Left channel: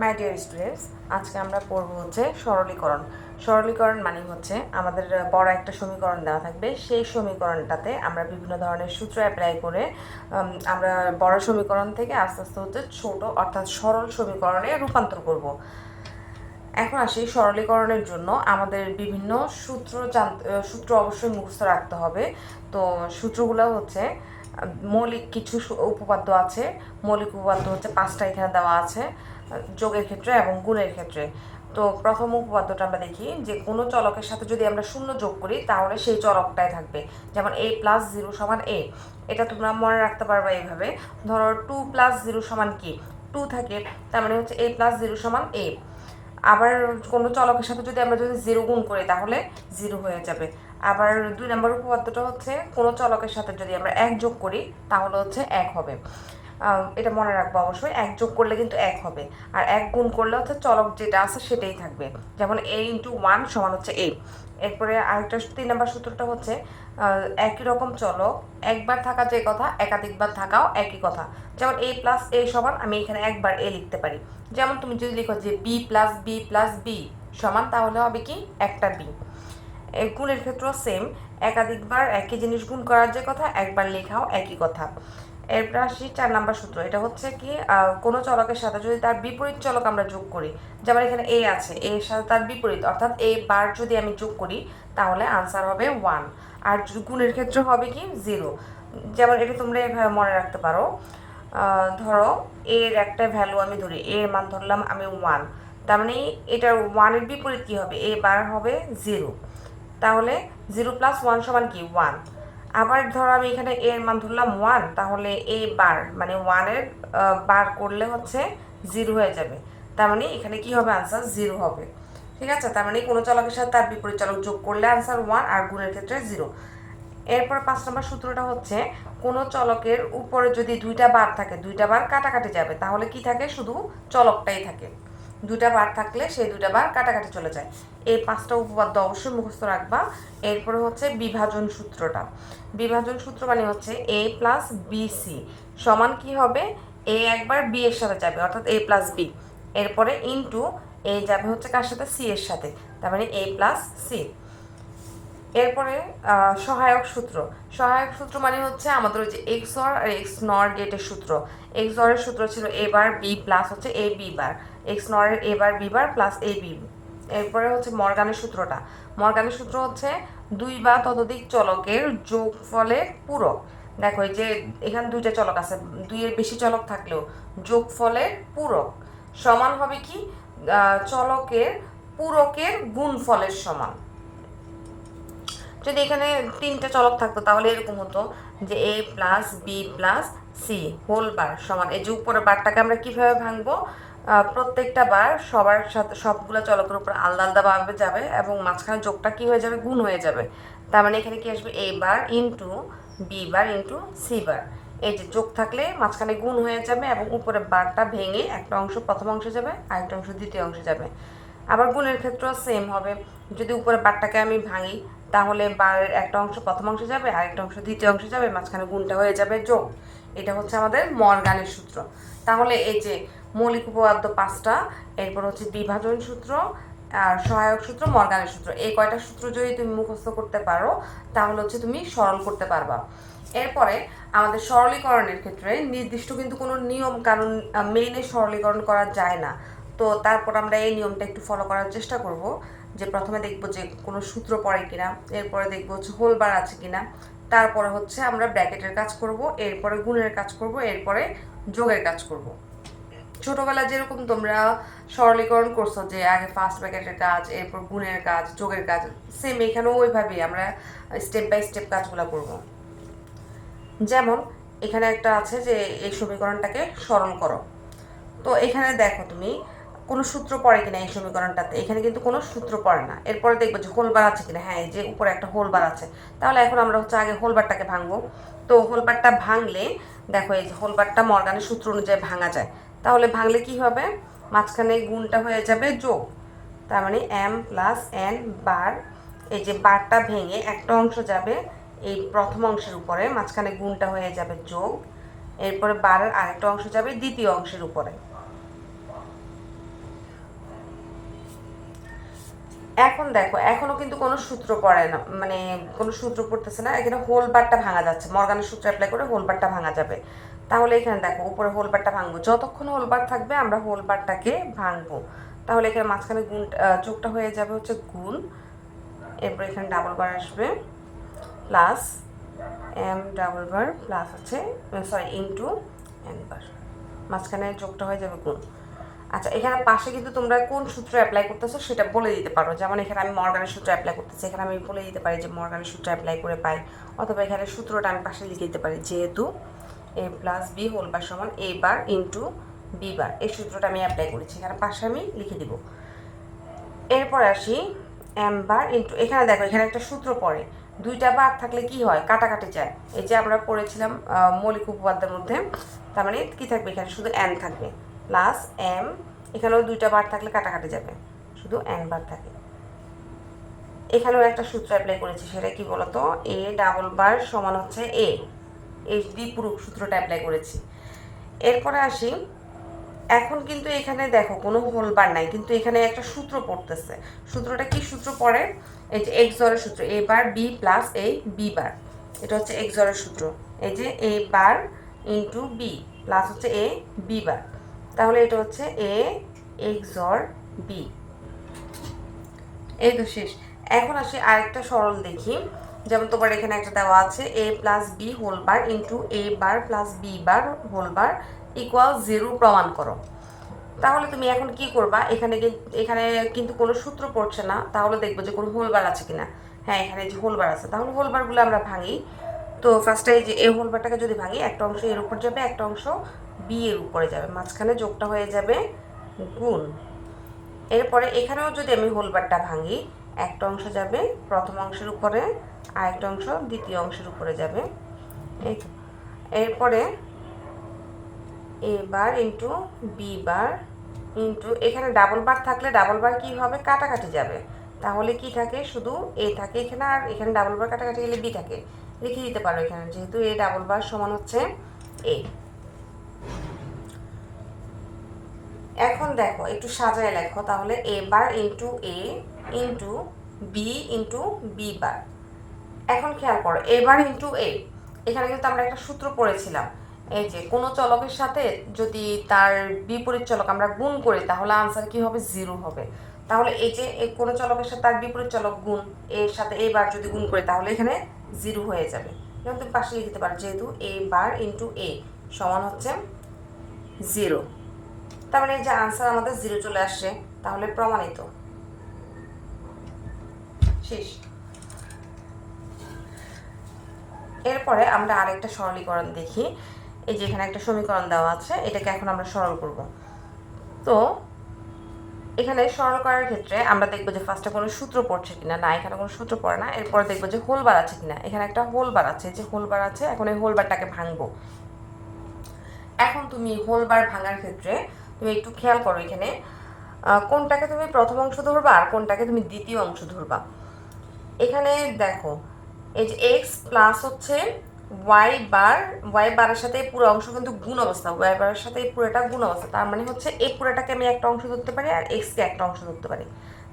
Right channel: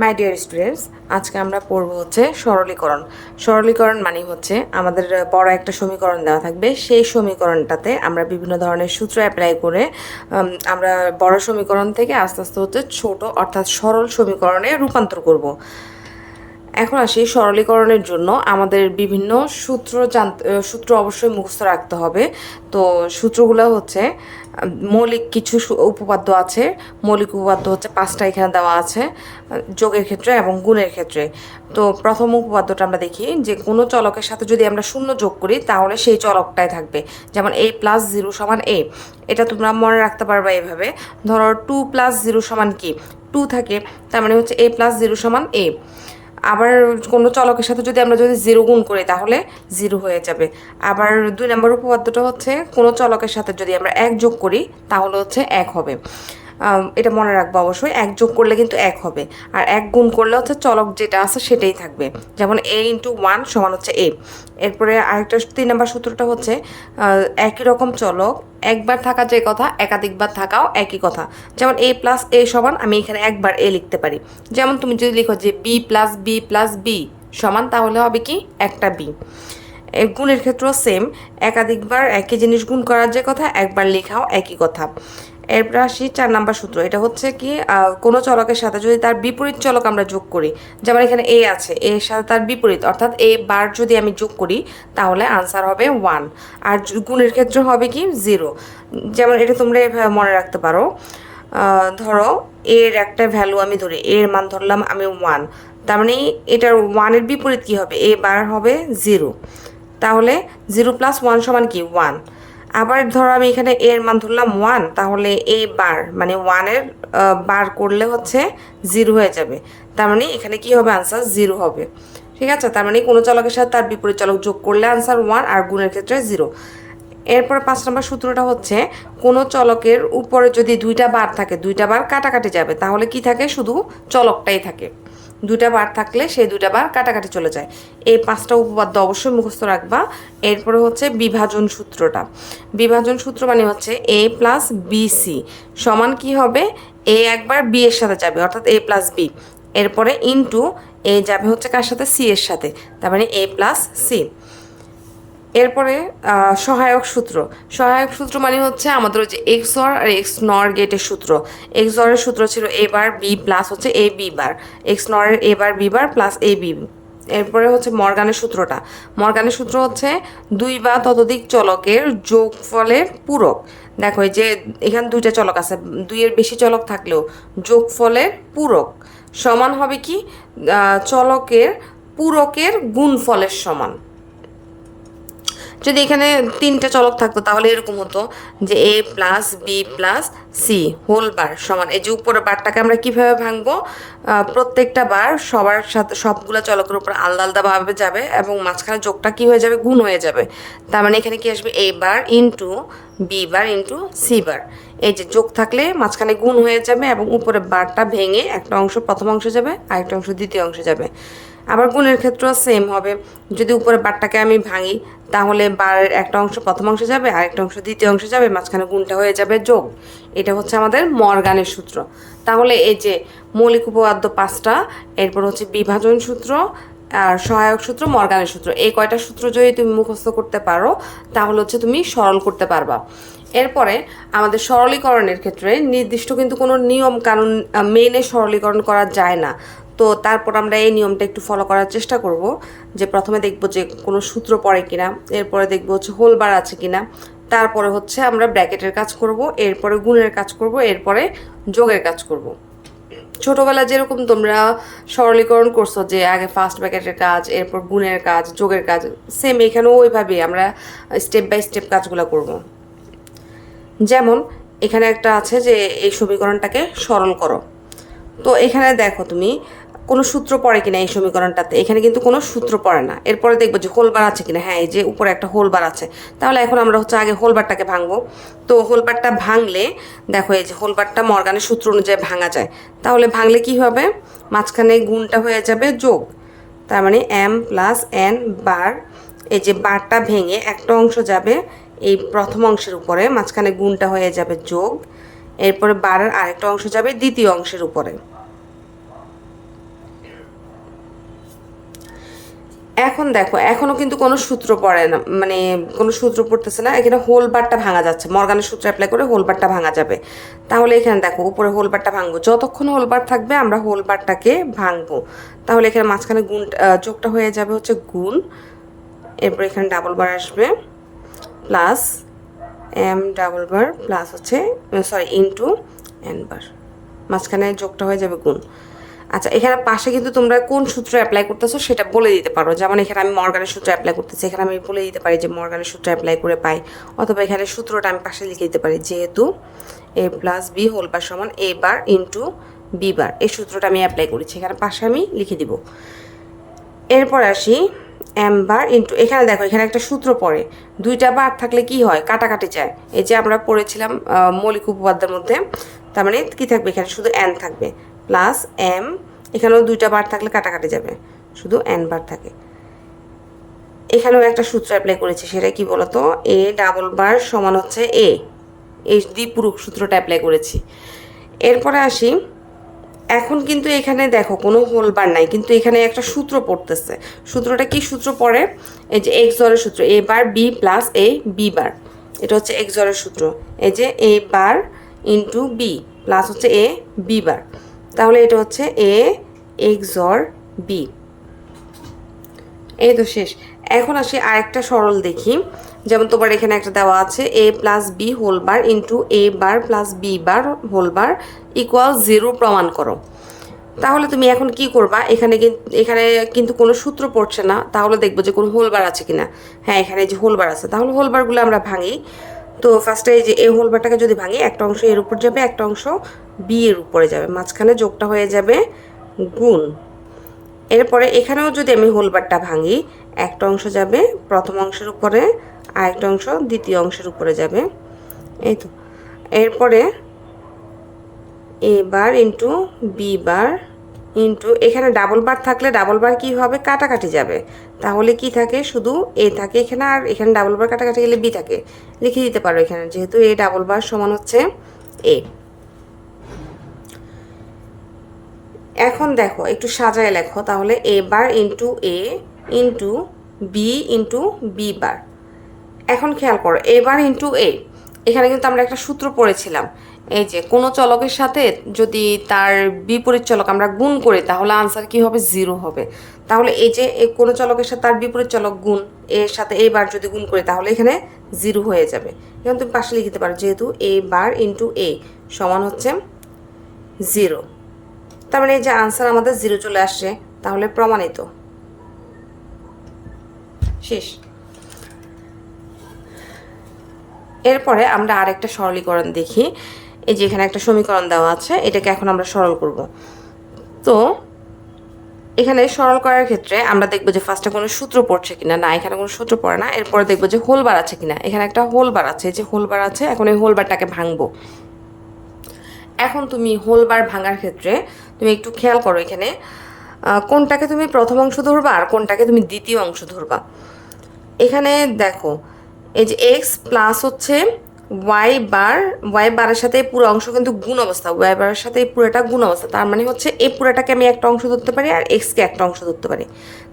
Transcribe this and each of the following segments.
My dear students, আজকে আমরা পড়ব হচ্ছে সরলীকরণ। সরলীকরণ মানে হচ্ছে আমাদের বড় একটা সমীকরণ দেওয়া থাকবে, সেই সমীকরণটাতে আমরা বিভিন্ন ধরনের সূত্র অ্যাপ্লাই করে আমরা বড় সমীকরণ থেকে আস্তে আস্তে হচ্ছে ছোট অর্থাৎ সরল সমীকরণে রূপান্তর করব। এখন আসি সরলীকরণের জন্য আমাদের বিভিন্ন সূত্র অবশ্যই মুখস্থ রাখতে হবে। তো সূত্রগুলো হচ্ছে মৌলিক কিছু উপপাদ্য আছে। মৌলিক উপপাদ্য হচ্ছে 5টা এখানে দেওয়া আছে, যোগের ক্ষেত্রে এবং গুণের ক্ষেত্রে। তো প্রথম উপপাদ্যটা আমরা দেখি যে কোনো চলকের সাথে যদি আমরা শূন্য যোগ করি তাহলে সেই চলকটাই থাকবে। যেমন a+0 = a, এটা তোমরা মনে রাখতে পারবা এইভাবে। ধরো 2+0 সমান কি, 2 থাকে, তার মানে হচ্ছে a+0 = a। আবার কোনো চলকের সাথে যদি আমরা 0 গুণ করি তাহলে 0 হয়ে যাবে। আবার 2 নম্বর উপপাদ্যটা হচ্ছে কোনো চলকের সাথে যদি আমরা 1 যোগ করি তাহলে হচ্ছে 1 হবে। এটা মনে রাখবো অবশ্যই, 1 যোগ করলে কিন্তু 1 হবে। আর 1 গুণ করলে হচ্ছে চলক যেটা আছে সেটাই থাকবে। যেমন a × 1 = হচ্ছে a। এরপরে আরেকটা 3 নম্বর সূত্রটা হচ্ছে একই রকম চলক একবার থাকা যে কথা একাধিকবার থাকাও একই কথা। যেমন a+a সমান, আমি এখানে একবার a লিখতে পারি। যেমন তুমি যদি লিখো যে b+b+b সমান, তাহলে হবে কি একটা b। গুণের ক্ষেত্রেও সেম, একাধিকবার একই জিনিস গুণ করার যে কথা একবার লেখাও একই কথা। এরপর আসি 4 নাম্বার সূত্র। এটা হচ্ছে কি কোনো চলকের সাথে যদি তার বিপরীত চলক আমরা যোগ করি, যেমন এখানে a আছে, এর সাথে তার বিপরীত অর্থাৎ a বার যদি আমি যোগ করি তাহলে আনসার হবে 1। আর গুণের ক্ষেত্রে হবে কি 0। যেমন এটা তোমরা এভাবে মনে রাখতে পারো। ধরো এর একটা ভ্যালু আমি ধরি, এর মান ধরলাম আমি 1, তার মানে এটার 1-এর বিপরীত কি হবে, a বার হবে 0। তাহলে 0+1 সমান কি 1। আবার ধরো আমি এখানে এর মান ধরলাম 1, তাহলে a বার মানে 1-এর বার করলে হচ্ছে 0 হয়ে যাবে। তার মানে এখানে কি হবে, আনসার 0 হবে। ঠিক আছে, তার মানে কোনো চলকের সাথে তার বিপরীত চলক যোগ করলে আনসার 1 আর গুণের ক্ষেত্রে 0। এরপর 5 নম্বর সূত্রটা হচ্ছে কোনো চলকের উপরে যদি 2টা বার থাকে, 2টা বার কাটাকাটি যাবে, তাহলে কি থাকে, শুধু চলকটাই থাকে। 2টা বার থাকলে সেই 2টা বার কাটাকাটি চলে যায়। এই 5টা উপপাদ্য অবশ্যই মুখস্থ রাখবা। এরপরে হচ্ছে বিভাজন সূত্রটা। বিভাজন সূত্র মানে হচ্ছে a+bc সমান কি হবে, a একবার b এর সাথে যাবে অর্থাৎ a+b, এরপরে ইনটু a যাবে হচ্ছে কার সাথে, c এর সাথে, তার মানে a+c। এরপরে সহায়ক সূত্র। সহায়ক সূত্র মানে হচ্ছে আমাদের হচ্ছে XOR আর XNOR গেটের সূত্র। XOR এর সূত্র ছিল a বার b প্লাস হচ্ছে a b বার, XNOR এর a bar b bar plus a b। এরপরে হচ্ছে মর্গানের সূত্রটা। মর্গানের সূত্র হচ্ছে 2 বা ততোধিক চলকের যোগফলের পূরক। দেখো এই যে এখানে 2টা চলক আছে, 2-এর বেশি চলক থাকলেও যোগফলের পূরক সমান হবে কি, চলকের পূরকের গুণফলের সমান। যদি এখানে 3টে চলক থাকতো তাহলে এরকম হতো যে a+b+c হোল বার সমান, এই যে উপরের বারটাকে আমরা কিভাবে ভাঙবো, প্রত্যেকটা বার সবার সাথে সবগুলো চলকের উপর আলাদা আলাদাভাবে যাবে এবং মাঝখানে যোগটা কি হয়ে যাবে, গুণ হয়ে যাবে। তার মানে এখানে কি আসবে, a bar into b bar into c বার। এই যে যোগ থাকলে মাঝখানে গুণ হয়ে যাবে এবং উপরে বারটা ভেঙে একটা অংশ প্রথম অংশে যাবে আর একটা অংশ দ্বিতীয় অংশে যাবে। আবার গুণের ক্ষেত্রেও সেম হবে, যদি উপরে বারটাকে আমি ভাঙি তাহলে বারের একটা অংশ প্রথম অংশে যাবে আর একটা অংশ দ্বিতীয় অংশে যাবে, মাঝখানে গুণটা হয়ে যাবে যোগ। এটা হচ্ছে আমাদের মর্গানের সূত্র। তাহলে এই যে মৌলিক উপপাদ্য 5টা, এরপর হচ্ছে বিভাজন সূত্র আর সহায়ক সূত্র, মর্গানের সূত্র, এই কয়টা সূত্র যদি তুমি মুখস্থ করতে পারো তাহলে হচ্ছে তুমি সরল করতে পারবা। এরপরে আমাদের সরলীকরণের ক্ষেত্রে নির্দিষ্ট কিন্তু কোনো নিয়ম কানুন মেনে সরলীকরণ করা যায় না। তো তারপর আমরা এই নিয়মটা একটু ফলো করার চেষ্টা করব, যে প্রথমে দেখব যে কোনো সূত্র পড়ে কিনা, এরপরে দেখব হচ্ছে হোল বার আছে কিনা, তারপরে হচ্ছে আমরা ব্র্যাকেটের কাজ করব, এরপরে গুণের কাজ করব, এরপরে যোগের কাজ করব। ছোটবেলা যেরকম তোমরা সরলীকরণ করছো যে আগে ফার্স্ট ব্র্যাকেটের কাজ, এরপর গুণের কাজ, যোগের কাজ, সেম এখানেও ওইভাবেই আমরা স্টেপ বাই স্টেপ কাজগুলো করব। যেমন এখানে একটা আছে যে এই সমীকরণটাকে সরল করো। তো এখানে দেখো তুমি কোনো সূত্র পড়ে কিনা এই সমীকরণটাতে, এখানে কিন্তু কোনো সূত্র পড়ে না। এরপরে দেখবো যে হোলবার আছে কিনা, হ্যাঁ এই যে উপরে একটা হোলবার আছে। তাহলে এখন আমরা হচ্ছে আগে হোলবারটাকে ভাঙবো। তো হোলবারটা ভাঙলে দেখো এই যে হোলবারটা মর্গানের সূত্র অনুযায়ী ভাঙা যায়। তাহলে ভাঙলে কি হবে, মাঝখানে গুণটা হয়ে যাবে যোগ, তার মানে m+n বার, এই যে বারটা ভেঙে একটা অংশ যাবে এই প্রথম অংশের উপরে, মাঝখানে গুণটা হয়ে যাবে যোগ, এরপরে বারের আরেকটা অংশ যাবে দ্বিতীয় অংশের উপরে। এখন দেখো এখনো কিন্তু কোনো সূত্র পড়ে না, মানে কোনো সূত্র পড়তেছে না, এখানে হোল বারটা ভাঙা যাচ্ছে, মর্গানের সূত্র অ্যাপ্লাই করে হোল বারটা ভাঙা যাবে। তাহলে এখানে দেখো উপরে হোল বারটা ভাঙবো, যতক্ষণ হোল বার থাকবে আমরা হোল বারটাকে ভাঙবো। তাহলে এখানে মাঝখানে গুণ যোগটা হয়ে যাবে হচ্ছে গুণ, এরপর এখানে ডাবল বার আসবে plus M double bar plus হচ্ছে সরি ইন্টু এন বার, মাঝখানে যোগটা হয়ে যাবে গুণ। আচ্ছা এখানে পাশে কিন্তু তোমরা কোন সূত্র অ্যাপ্লাই করতেছো সেটা বলে দিতে পারো, যেমন এখানে আমি মর্গানের সূত্র অ্যাপ্লাই করতেছি, এখানে আমি বলে দিতে পারি যে মর্গানের সূত্র অ্যাপ্লাই করে পাই, অথবা এখানে সূত্রটা আমি পাশে লিখে দিতে পারি, যেহেতু এ প্লাস বি হোল বার সমান এ বার ইন্টু বি বার, এই সূত্রটা আমি অ্যাপ্লাই করেছি, এখানে পাশে আমি লিখে দিব। এরপর আসি এম বার ইন্টু, এখানে দেখো এখানে একটা সূত্র পড়ে, দুইটা বার থাকলে কি হয় কাটাকাটি যায়, এই যে আমরা পড়েছিলাম মৌলিক উপপাদ্যের মধ্যে, তার মানে কি থাকবে এখানে শুধু এন থাকবে প্লাস এম, এখানেও দুইটা বার থাকলে কাটাকাটি যাবে, শুধু এন বার থাকে। এখানেও একটা সূত্র অ্যাপ্লাই করেছি, সেটা কি বলতো, এ ডাবল বার সমান হচ্ছে এ, এই দ্বিপূরক সূত্রটা অ্যাপ্লাই করেছি। এরপরে আসি, এখন কিন্তু এখানে দেখো কোনো হোল বার নাই, কিন্তু এখানে একটা সূত্র পড়তেছে, সূত্রটা কি সূত্র পড়ে, এই যে এক্স জরের সূত্র, এ বার বি প্লাস এ বি বার, এটা হচ্ছে এক্স জরের সূত্র, এই যে এ বার ইন্টু বি প্লাস হচ্ছে এ বি বার, তাহলে এটা হচ্ছে এ এক্স জর বি। এই তো শেষ। এখন আসি আরেকটা সরল দেখি, যেমন তোমার এখানে একটা দেওয়া আছে A plus B whole bar into A bar plus B bar whole bar equal 0 প্রমাণ করো। তাহলে তুমি এখন কি করবা, এখানে কিন্তু কোনো সূত্র পড়ছে না, তাহলে দেখবো যে কোনো হোলবার আছে কিনা। হ্যাঁ এখানে যে হোলবার আছে, তাহলে হোলবারগুলো আমরা ভাঙি। তো ফার্স্টে এই যে এই হোলবারটাকে যদি ভাঙি, একটা অংশ এর উপর যাবে, একটা অংশ বি এর উপরে যাবে, মাঝখানে যোগটা হয়ে যাবে গুণ। এরপরে এখানেও যদি আমি হোলবারটা ভাঙি, একটা অংশ যাবে প্রথম অংশের উপরে, আর একটা অংশ দ্বিতীয় অংশের উপরে যাবে, এই তো। এরপরে A bar into B bar into, এখানে ডাবল বার থাকলে ডাবল বার কি হবে কাটাকাটি যাবে, তাহলে কি থাকে শুধু এ থাকে এখানে, আর এখানে ডাবল বার কাটাকাটি গেলে বি থাকে, লিখে দিতে পারো এখানে, যেহেতু এ ডাবল বার সমান হচ্ছে এ। এখন দেখো একটু সাজায় লেখো, তাহলে A bar into A into B into B bar. এখন খেয়াল করো এ বার ইন্টু এ, এখানে কিন্তু আমরা একটা সূত্র পড়েছিলাম, এই যে কোনো চলকের সাথে যদি তার বিপরীত চলক আমরা গুণ করি তাহলে আনসার কি হবে 0 হবে। তাহলে এই যে কোনো চলকের সাথে তার বিপরীত চলক গুণ, এর সাথে এ বার যদি গুণ করি তাহলে এখানে 0 হয়ে যাবে। এখন তুমি পাশে লিখতে পারো, যেহেতু এ বার ইন্টু এ সমান হচ্ছে 0, তার মানে এই যে আনসার আমাদের 0 চলে আসছে, তাহলে প্রমাণিত। শেষ। এরপরে আমরা আরেকটা সরলীকরণ দেখি, এই যে এখানে একটা সমীকরণ দেওয়া আছে, এটাকে এখন আমরা সরল করব। তো এখানে সরল করার ক্ষেত্রে আমরা দেখবো যে ফার্স্টে কোনো সূত্র পড়ছে কিনা, না এখানে কোনো সূত্র পড়ে না। এরপরে দেখবো যে হোলবার আছে কিনা, এখানে একটা হোলবার আছে, যে হোলবার আছে, এখন এই হোলবারটাকে ভাঙবো। এখন তুমি হোলবার ভাঙার ক্ষেত্রে তুমি একটু খেয়াল করো, এখানে কোনটাকে তুমি প্রথম অংশ ধরবা আর কোনটাকে তুমি দ্বিতীয় অংশ ধরবা। এখানে দেখো এই যে এক্স প্লাস হচ্ছে ওয়াই বারের সাথে এই পুরো অংশ কিন্তু গুণ অবস্থা, ওয়াই বারের সাথে এই পুরোটা গুণ অবস্থা, তার মানে হচ্ছে এই পুরোটাকে আমি একটা অংশ ধরতে পারি আর এক্সকে একটা অংশ ধরতে পারি।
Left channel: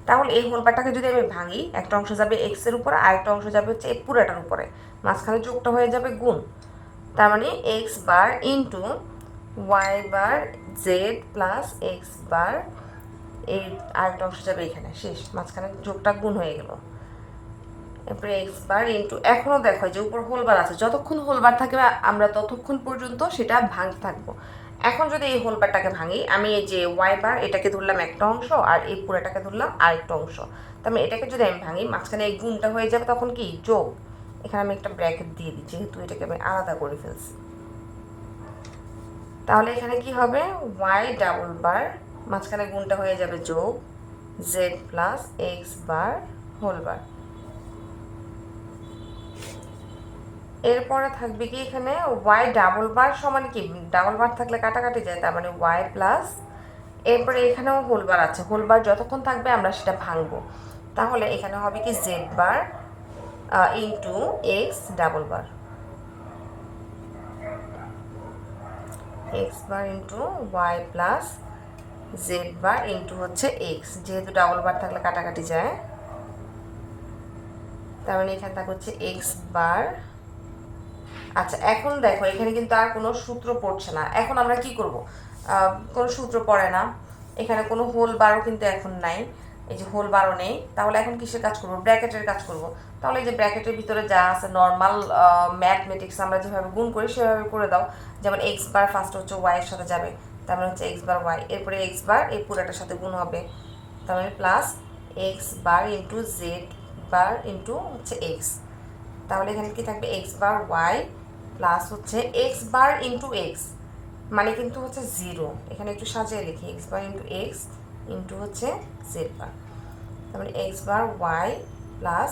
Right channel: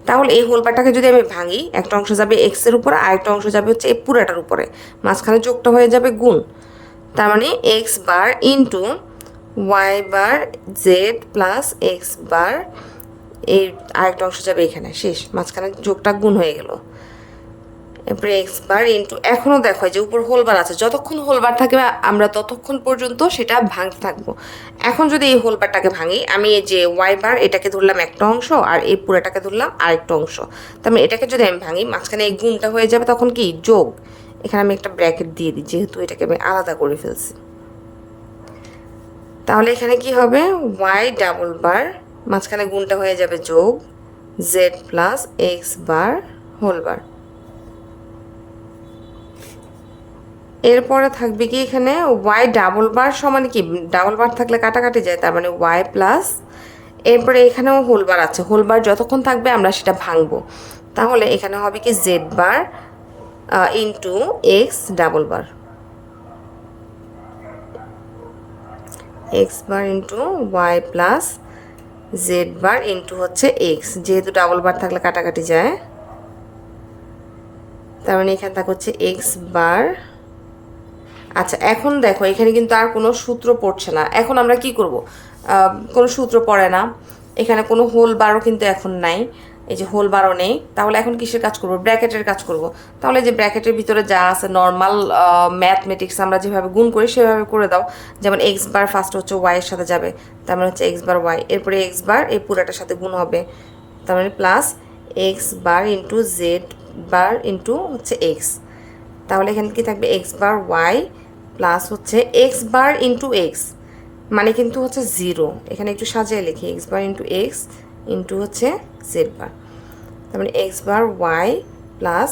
তাহলে এই হোলবারটাকে যদি আমি ভাঙি, একটা অংশ যাবে এক্স এর উপরে আর একটা অংশ যাবে হচ্ছে এই পুরোটার উপরে, মাঝখানে যোগটা হয়ে যাবে গুণ, তার মানে x bar into y bar Z plus X বার, এই আরেকটা অংশ যাবে এখানে, শেষ, মাঝখানে যোগটা গুণ হয়ে গেল। এরপরে এক্স বার ইন্টু, এখনও দেখো যে উপর হোলবার আছে, যতক্ষণ হোলবার থাকবে আমরা ততক্ষণ পর্যন্ত সেটা ভাঙতে থাকবো। এখন যদি এই হোলবারটাকে ভাঙি, আমি এই যে ওয়াই বার এটাকে ধরলাম একটা অংশ আর এই পুরোটাকে ধরলাম আরেকটা অংশ, তার মানে এটাকে যদি আমি ভাঙি মাঝখানে এই গুণটা হয়ে যাবে, তখন কি যোগ, এখানে আমি একটা ব্র্যাকেট দিয়ে দিই যেহেতু এটাকে আমি আলাদা করে ফেলছি। তাহলে এখানে কি হবে, ওয়াই ডাবল বার মাঝখানে গুণটা হয়ে যাবে যোগ Z plus X bar whole bar. এরপরে থাকবে কি এখানে ওয়াই ডাবল বার সমান কি, ডাবল বার থাকলে কাটাকাটি যায়, তার মানে ওয়াই প্লাস, এরপরে এখানেও হোল বার আছে, হোল বার যতক্ষণ থাকবে আমরা সেটা ভাঙবো, তাহলে এখানে হবে কি Z bar into X double bar, X bar into Y plus Z bar into হচ্ছে এক্স, যেহেতু ডাবল বার থাকলে কাটাকাটি যায়, তার মানে এখানে থাকা হচ্ছে এক্স বার। আচ্ছা এখন দেখো এখানে কিন্তু আর কোনো সূত্র পড়ছে না। এখন আমরা কি করব, কোনো সূত্র পড়ে না, এখানে কোনো হোল বারও কিন্তু এখন নাই, এই যে হোল বারও নেই। তাহলে এখন কিসের কাজ করব, ব্র্যাকেটের কাজ করব। তাহলে যে ব্র্যাকেটের ভিতরে যা আছে নর্মাল ম্যাথমেটিক্স আমরা যেভাবে গুণ করি সেভাবে করে দাও। যেমন এক্স বার ফার্স্ট হচ্ছে ওয়াই এর সাথে যাবে, তার মানে হচ্ছে এক্স বার ওয়াই, এরপরে এক্স বার এই পুরাটার সাথে গুণ হবে, তার মানে plus X bar into Z bar into হচ্ছে এক্স। তাহলে এখানে কি থাকবে এক্স বার ওয়াই প্লাস হচ্ছে এক্স বার ইন্টু এক্স, মানে কিন্তু হচ্ছে জিরো। এখানে একটু সাজিয়ে লিখি, x bar into x into হচ্ছে জেড বার, তার মানে x bar Y plus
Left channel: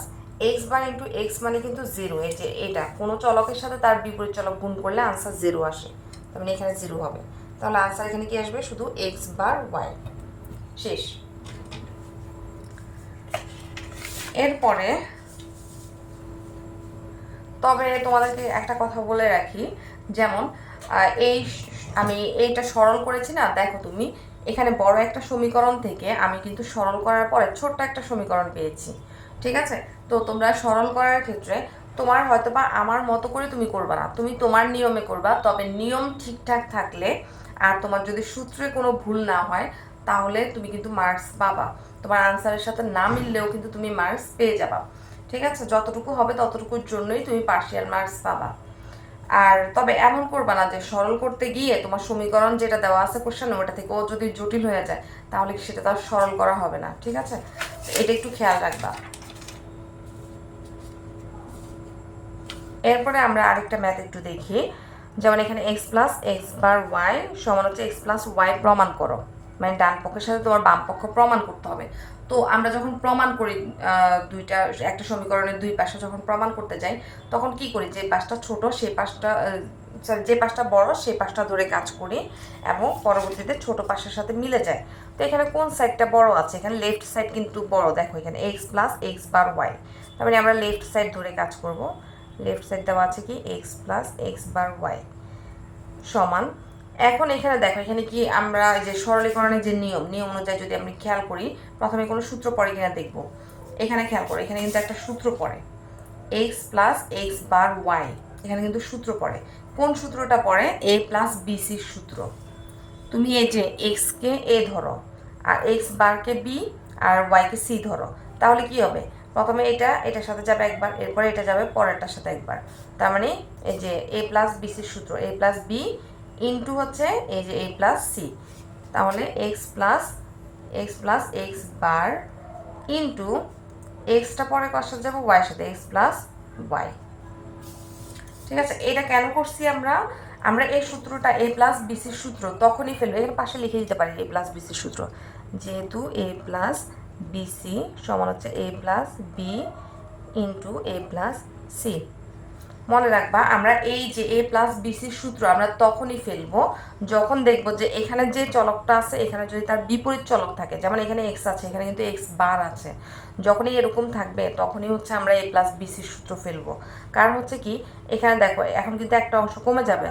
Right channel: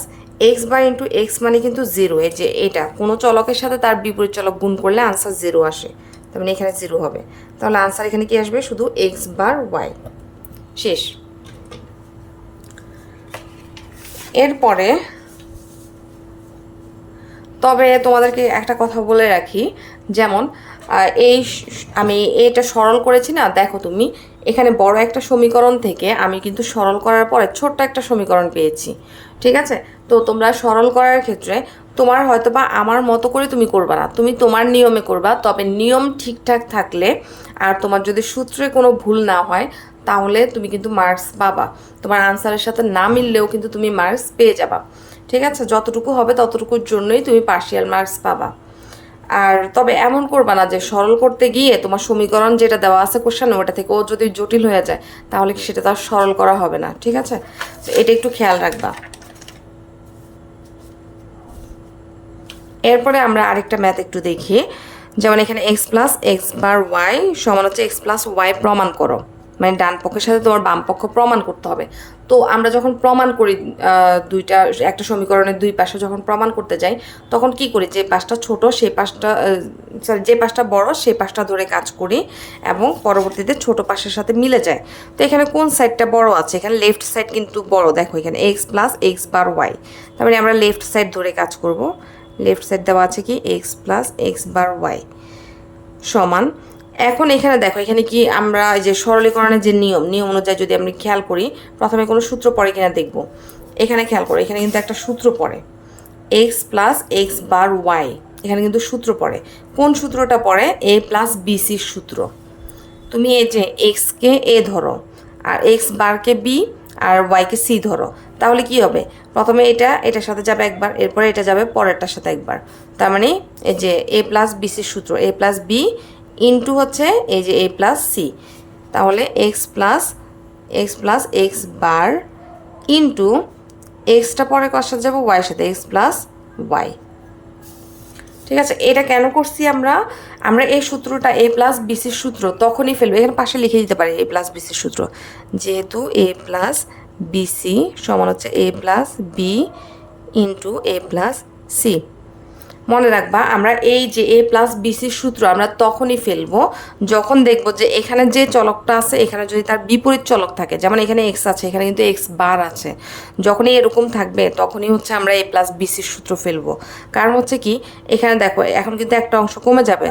X bar into X মানে কিন্তু জিরো। এই যে এটা কোনো চলকের সাথে তার বিপরীত চলক গুণ করলে আনসার জিরো আসে, তার মানে এখানে জিরো হবে। তাহলে আনসার এখানে কি আসবে, শুধু এক্স বার ওয়াই। শেষ। এরপরে তবে তোমাদেরকে একটা কথা বলে রাখি, যেমন আমি এটা সরল করেছি না, দেখো তুমি এখানে বড় একটা সমীকরণ থেকে আমি কিন্তু সরল করার পরে ছোট্ট একটা সমীকরণ পেয়েছি, ঠিক আছে? তো তোমরা সরল করার ক্ষেত্রে তোমার হয়তো বা আমার মতো করে তুমি করবা না, তুমি তোমার নিয়মে করবা। তবে নিয়ম ঠিকঠাক থাকলে আর তোমার যদি সূত্রে কোনো ভুল না হয় তাহলে তুমি কিন্তু মার্কস পাবা। তোমার আনসারের সাথে না মিললেও কিন্তু তুমি মার্কস পেয়ে যাবা, ঠিক আছে? যতটুকু হবে ততটুকুর জন্যই তুমি পার্শিয়াল মার্কস পাবা। আর তবে এমন করবা না যে সরল করতে গিয়ে তোমার সমীকরণ যেটা দেওয়া আছে কোশ্চেনে ওটা থেকে ও যদি জটিল হয়ে যায় তাহলে সেটা তো আর সরল করা হবে না, ঠিক আছে? এটা একটু খেয়াল রাখবা। এরপরে আমরা আরেকটা ম্যাথ একটু দেখি, যেমন এখানে x plus X bar Y সমান হচ্ছে এক্স প্লাস ওয়াই প্রমাণ করো, মানে ডান পক্ষের সাথে তোমার বাম পক্ষ প্রমাণ করতে হবে। তো আমরা যখন প্রমাণ করি একটা সমীকরণের দুই পাশে যখন প্রমাণ করতে যাই তখন কি করি, যে পাশটা ছোট সেই পাশটা যে পাশটা বড় সেই পাশটা ধরে কাজ করি এবং পরবর্তীতে ছোট পাশের সাথে মিলে যায়। তো এখানে কোন সাইডটা বড় আছে, এখানে লেফট সাইড কিন্তু বড়। দেখো এখানে x plus X bar Y, তারপরে আমরা লেফট সাইড ধরে কাজ করব। লেফট সাইড দেওয়া আছে কি x plus X bar Y সমান। এখন এখানে দেখো এখানে কি আমরা এই যে সরলীকরণের যে নিয়ম অনুযায়ী যদি আমরা খেয়াল করি, প্রথমে কোনো সূত্র পড়ে কিনা দেখব। এখানে খেয়াল করো, এখানে কিন্তু একটা সূত্র পড়ে x plus X bar Y, এখানে কিন্তু সূত্র পড়ে। কোন সূত্রটা পড়ে, এ প্লাস বিসির সূত্র। তুমি এই যে এক্সকে এ ধরো আর এক্স বারকে বি আর ওয়াইকে সি ধরো, তাহলে কি হবে, প্রথমে এটার সাথে যাবে একবার, এরপরে এটা যাবে পরেরটার সাথে একবার। তার মানে এই যে এ প্লাস বিসির সূত্র এ প্লাস বি ইন্টু হচ্ছে এই যে এ প্লাস সি, তাহলে x plus X bar into extra পরে কার সাথে যাবো, ওয়াইয়ের সাথে, এক্স প্লাস ওয়াই। ঠিক আছে, এটা কেন করছি আমরা এই সূত্রটা এ প্লাস বিসির সূত্র তখনই ফেলবো, এখানে পাশে লিখে দিতে পারি এ প্লাস বিসির সূত্র, যেহেতু এ প্লাস বিসি সমান হচ্ছে এ প্লাস বি ইন্টু এ প্লাস সি। মনে রাখবা আমরা এই যে এ প্লাস বিসির সূত্র আমরা তখনই ফেলবো যখন দেখবো যে এখানে যে চলকটা আছে এখানে যদি তার বিপরীত চলক থাকে, যেমন এখানে এক্স আছে, এখানে কিন্তু এক্স বার আছে, যখনই এরকম থাকবে তখনই হচ্ছে আমরা এ প্লাস বিসির সূত্র ফেলবো। কারণ হচ্ছে কি, এখানে দেখো এখন কিন্তু একটা অংশ কমে যাবে,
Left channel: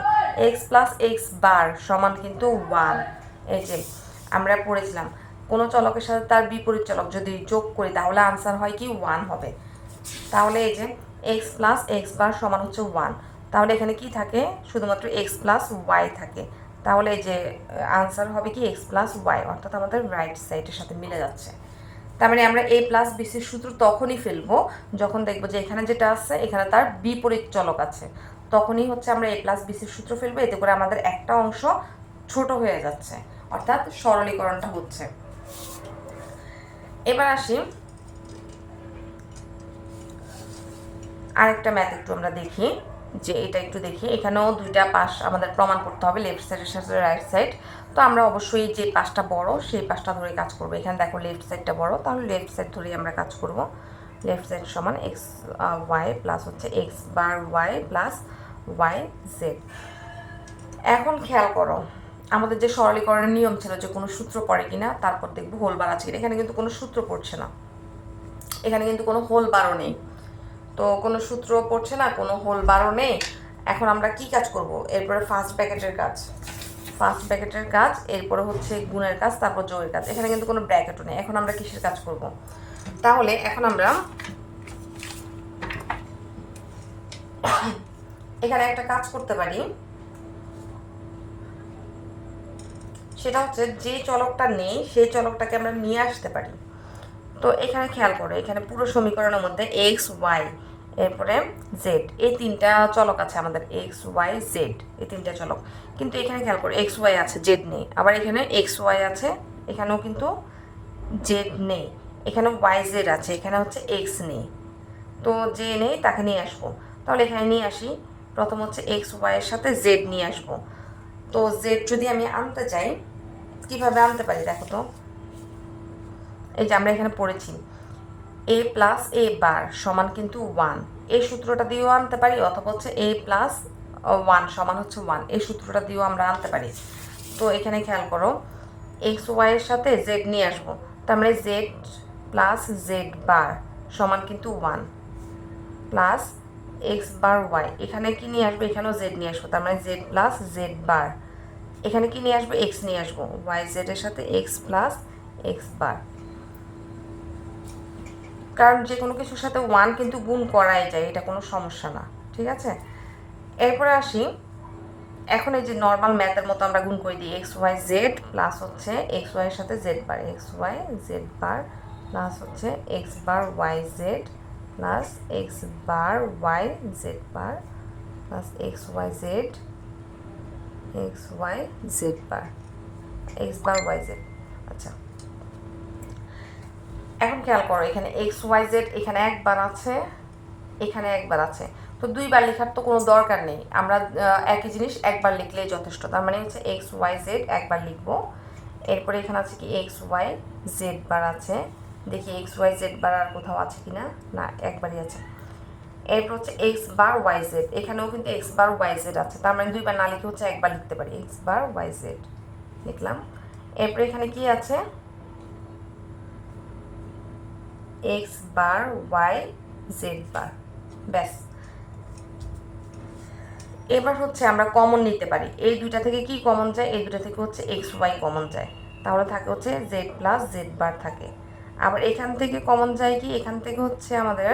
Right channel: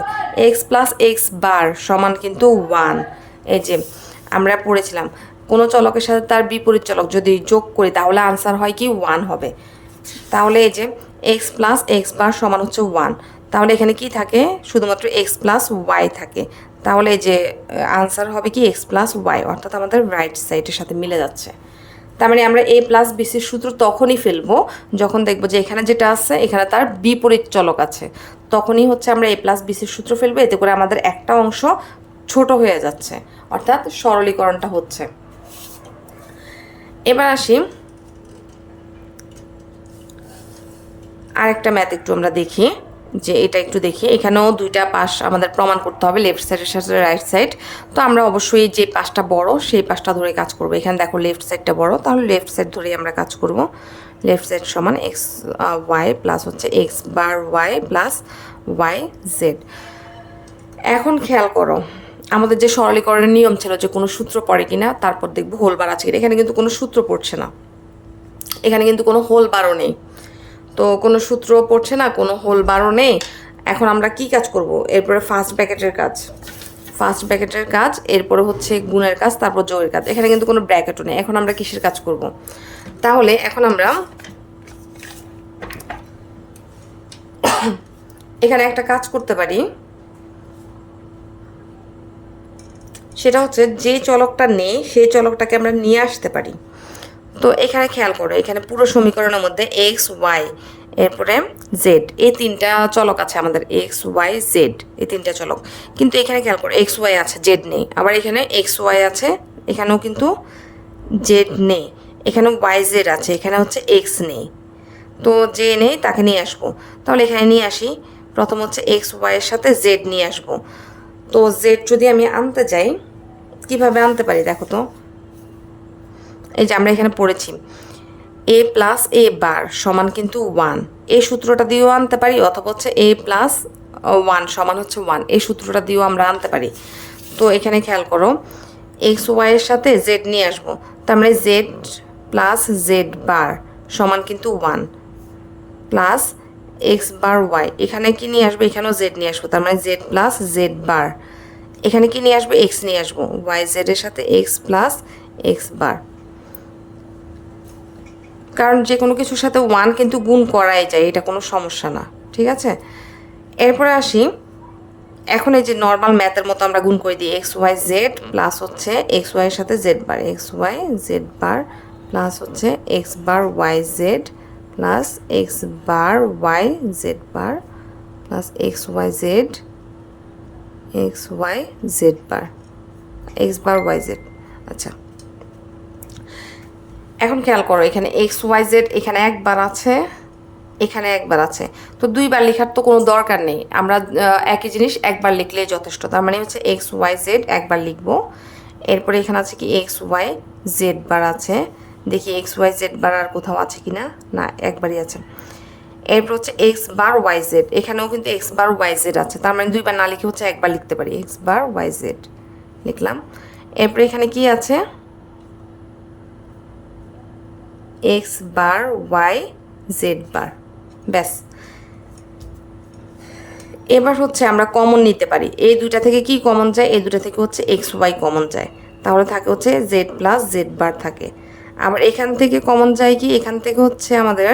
এক্স প্লাস এক্স বার সমান কিন্তু 1। এই যে আমরা পড়েছিলাম কোনো চলকের সাথে তার বিপরীত চলক যদি যোগ করি তাহলে আনসার হয় কি 1 হবে। তাহলে এই যে এক্স প্লাস এক্স বার সমান হচ্ছে 1, তাহলে এখানে কি থাকে, শুধুমাত্র এক্স প্লাস ওয়াই থাকে। তাহলে এই যে আনসার হবে কি এক্স প্লাস ওয়াই, অর্থাৎ আমাদের রাইট সাইডের সাথে মিলে যাচ্ছে। তার মানে আমরা এ প্লাস বিসির সূত্র তখনই ফেলবো যখন দেখবো যে এখানে যেটা আছে এখানে তার বিপরীত চলক আছে, তখনই হচ্ছে আমরা এ প্লাস বিসির সূত্র ফেলবো। এতে করে আমাদের একটা অংশ ছোট হয়ে যাচ্ছে, অর্থাৎ সরলীকরণটা হচ্ছে। এবার আসি আরেকটা ম্যাথ একটু আমরা দেখি, যে এটা একটু দেখি, এখানেও দুইটা পাশ আমাদের প্রমাণ করতে হবে, লেফট সাইডের সাথে রাইট সাইড। তো আমরা অবশ্যই যে পাশটা বড় সেই পাশটা ধরে কাজ করব। এখানে দেখো লেফট সাইডটা বড়, তাহলে লেফট সাইড ধরেই আমরা কাজ করব। লেফট সাইড সমান এক্স ওয়াই প্লাস হচ্ছে X bar Y plus Y Z. এখন খেয়াল করো আমাদের যে সরলীকরণের নিয়ম ছিল যে কোনো সূত্র পড়ে কিনা, তারপর দেখবো হোল বার আছে কিনা। এখানে কিন্তু কোনো সূত্র পড়ছে না, এখানে কিন্তু কোনো হোল বারও নেই, তো কোনো সূত্র পড়ছে না, কোনো হোল বারও নেই। এখন আমরা কি কাজ করব, এরপরে ফার্স্ট ব্র্যাকেটের কাজ, এরপরে হচ্ছে গুণের কাজ, তারপর যোগের কাজ। এখানে কিন্তু কোনো ব্র্যাকেটও নেই। এখন আমরা কিসের কাজ করব, তাহলে এখন আমরা এখানে একটা কাজ করতে পারি, সেটা হচ্ছে যে চলকটা নেই সেই চলকটাকে আমরা নিয়ে আসতে পারি। তো এখানে খেয়াল করো, এখানে পুরো সমীকরণের মধ্যে এক্স ওয়াই এরপরে জেড এই তিনটা চলক আছে আমাদের, এক্স ওয়াই জেড এই তিনটা চলক। কিন্তু এখানে খেয়াল করো এক্স ওয়াই আছে, জেড নেই। আবার এখানে এক্স ওয়াই আছে, এখানেও কিন্তু জেড নেই। এখানেও ওয়াই জেড আছে, এখানে হচ্ছে এক্স নেই। তো যে নেই তাকে নিয়ে আসবো। তাহলে এখানে নিয়ে আসি, প্রথম হচ্ছে এক্স ওয়াইয়ের সাথে জেড নিয়ে আসবো। তো জেড যদি আমি আনতে যাই, কিভাবে আনতে পারি দেখো তো। এই যে আমরা এখানে পড়েছি এ প্লাস এ বার সমান কিন্তু ওয়ান, এই সূত্রটা দিয়েও আনতে পারি, অথবা হচ্ছে এ প্লাস ওয়ান সমান হচ্ছে ওয়ান, এই সূত্রটা দিয়েও আমরা আনতে পারি। তো এখানে খেয়াল করো এক্স ওয়াইয়ের সাথে জেড নিয়ে আসবো, তার মানে জেড প্লাস জেড বার সমান কিন্তু one, plus X bar Y, এখানে কি নিয়ে আসবো, এখানেও জেড নিয়ে আসবো, তার মানে জেড প্লাস জেড বার, এখানে কি নিয়ে আসবো, এক্স নিয়ে আসবো, ওয়াই জেড এর সাথে এক্স প্লাস এক্স বার। কারণ যে কোনো কিছুর সাথে ওয়ান কিন্তু গুণ করাই যায়, এটা কোনো সমস্যা না, ঠিক আছে। এরপরে আসি, এখন এই যে নর্মাল ম্যাথের মতো আমরা গুণ করে দিই, এক্স ওয়াই জেড প্লাস হচ্ছে এক্স ওয়াই এর সাথে Z bar, X Y Z bar plus হচ্ছে X bar Y Z plus X bar Y Z bar plus X Y Z X Y Z bar X bar Y Z. আচ্ছা, এখন খেয়াল করো এখানে x Y Z এখানে একবার আছে, এখানে একবার আছে, তো দুইবার লেখার তো কোনো দরকার নেই, আমরা একই জিনিস একবার লিখলেই যথেষ্ট। তার মানে হচ্ছে এক্স ওয়াই জেড একবার লিখবো। এরপরে এখানে আছে কি এক্স ওয়াই জেড বার আছে, দেখি এক্স ওয়াই জেড বার আর কোথাও আছে কি না, না একবারই আছে। এরপর হচ্ছে এক্স বার ওয়াই জেড, এখানেও কিন্তু এক্স বার ওয়াই জেড আছে, তার মানে দুইবার না লিখে হচ্ছে একবার লিখতে পারি, এক্স বার ওয়াই জেড লিখলাম। এরপরে এখানে কি আছে, এক্স বার ওয়াই জেড বার, ব্যাস। এবার হচ্ছে আমরা কমন নিতে পারি, এই দুইটা থেকে কি কমন যায়, এই দুইটা থেকে হচ্ছে এক্স ওয়াই কমন যায়, তাহলে থাকে হচ্ছে জেড প্লাস জেড বার থাকে। আবার এখান থেকে কমন যায় কি, এখান থেকে হচ্ছে আমাদের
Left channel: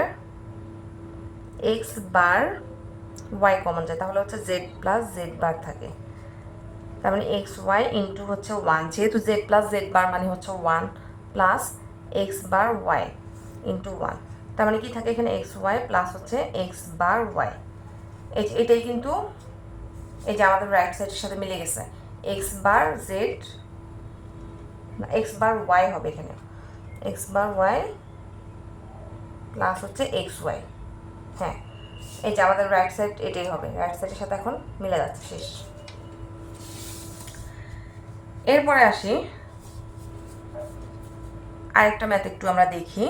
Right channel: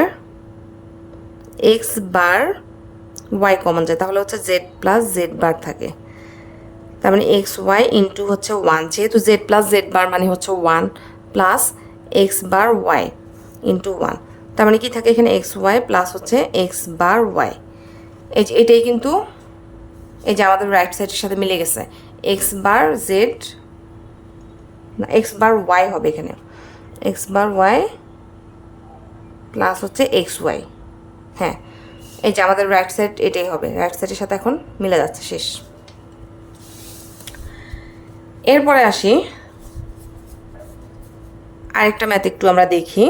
এক্স বার ওয়াই কমন যায়, তাহলে হচ্ছে জেড প্লাস জেড বার থাকে। তার মানে এক্স ওয়াই ইন্টু হচ্ছে ওয়ান, যেহেতু জেড প্লাস জেড বার মানে হচ্ছে one, plus X bar Y into one, তার মানে কি থাকে এখানে এক্স ওয়াই প্লাস হচ্ছে এক্স বার ওয়াই। এই যে এটাই কিন্তু এই যে আমাদের রাইট সাইডের সাথে মিলে গেছে, এক্স বার জেড না এক্স বার ওয়াই হবে এখানে, এক্স বার ওয়াই প্লাস হচ্ছে এক্স ওয়াই। হ্যাঁ, এই যে আমাদের রাইট সাইড এটাই হবে, রাইট সাইডের সাথে এখন মিলে যাচ্ছে, শেষ। এরপরে আসি আরেকটা ম্যাথ একটু আমরা দেখি।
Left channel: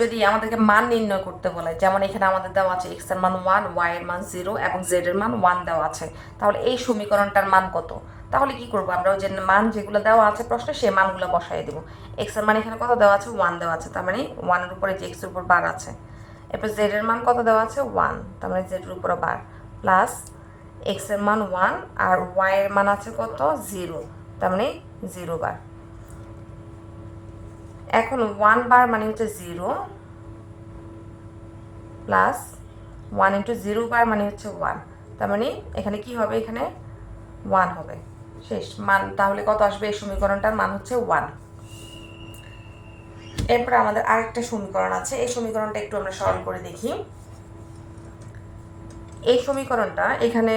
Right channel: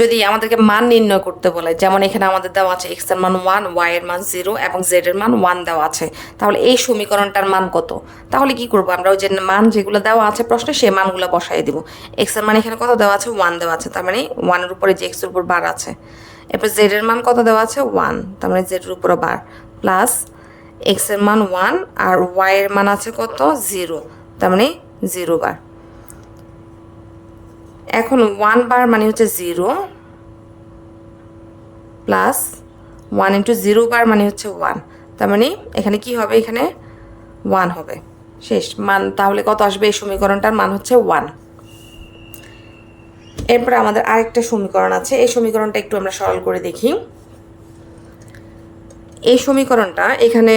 যদি আমাদেরকে মান নির্ণয় করতে বলে, যেমন এখানে আমাদের দেওয়া আছে এক্স এর মান ওয়ান, ওয়াই এর মান জিরো এবং জেড এর মান ওয়ান দেওয়া আছে, তাহলে এই সমীকরণটার মান কত? তাহলে কি করবো আমরা, ওই যে মান যেগুলো দেওয়া আছে প্রশ্নে সেই মানগুলো বসাই দিব। এক্স এর মান এখানে কত দেওয়া আছে, ওয়ান দেওয়া আছে, তার মানে ওয়ানের উপরে যে এক্স এর উপর বার আছে। এরপর জেড এর মান কত দেওয়া আছে, ওয়ান, তার মানে জেড এর উপরে বার, প্লাস এক্স এর মান ওয়ান আর ওয়াই এর মান আছে কত, জিরো, তার মানে জিরো বার। এখন ওয়ান বার মানে হচ্ছে zero, plus one into zero bar মানে হচ্ছে ওয়ান, তার মানে এখানে কি হবে, এখানে ওয়ান হবে, শেষ মান। তাহলে কত আসবে, এই সমীকরণটার মান হচ্ছে ওয়ান। এরপরে আমাদের আরেকটা সমীকরণ আছে, এই সমীকরণটা একটু আমরা সরল করে দেখি। এই সমীকরণটা এখানে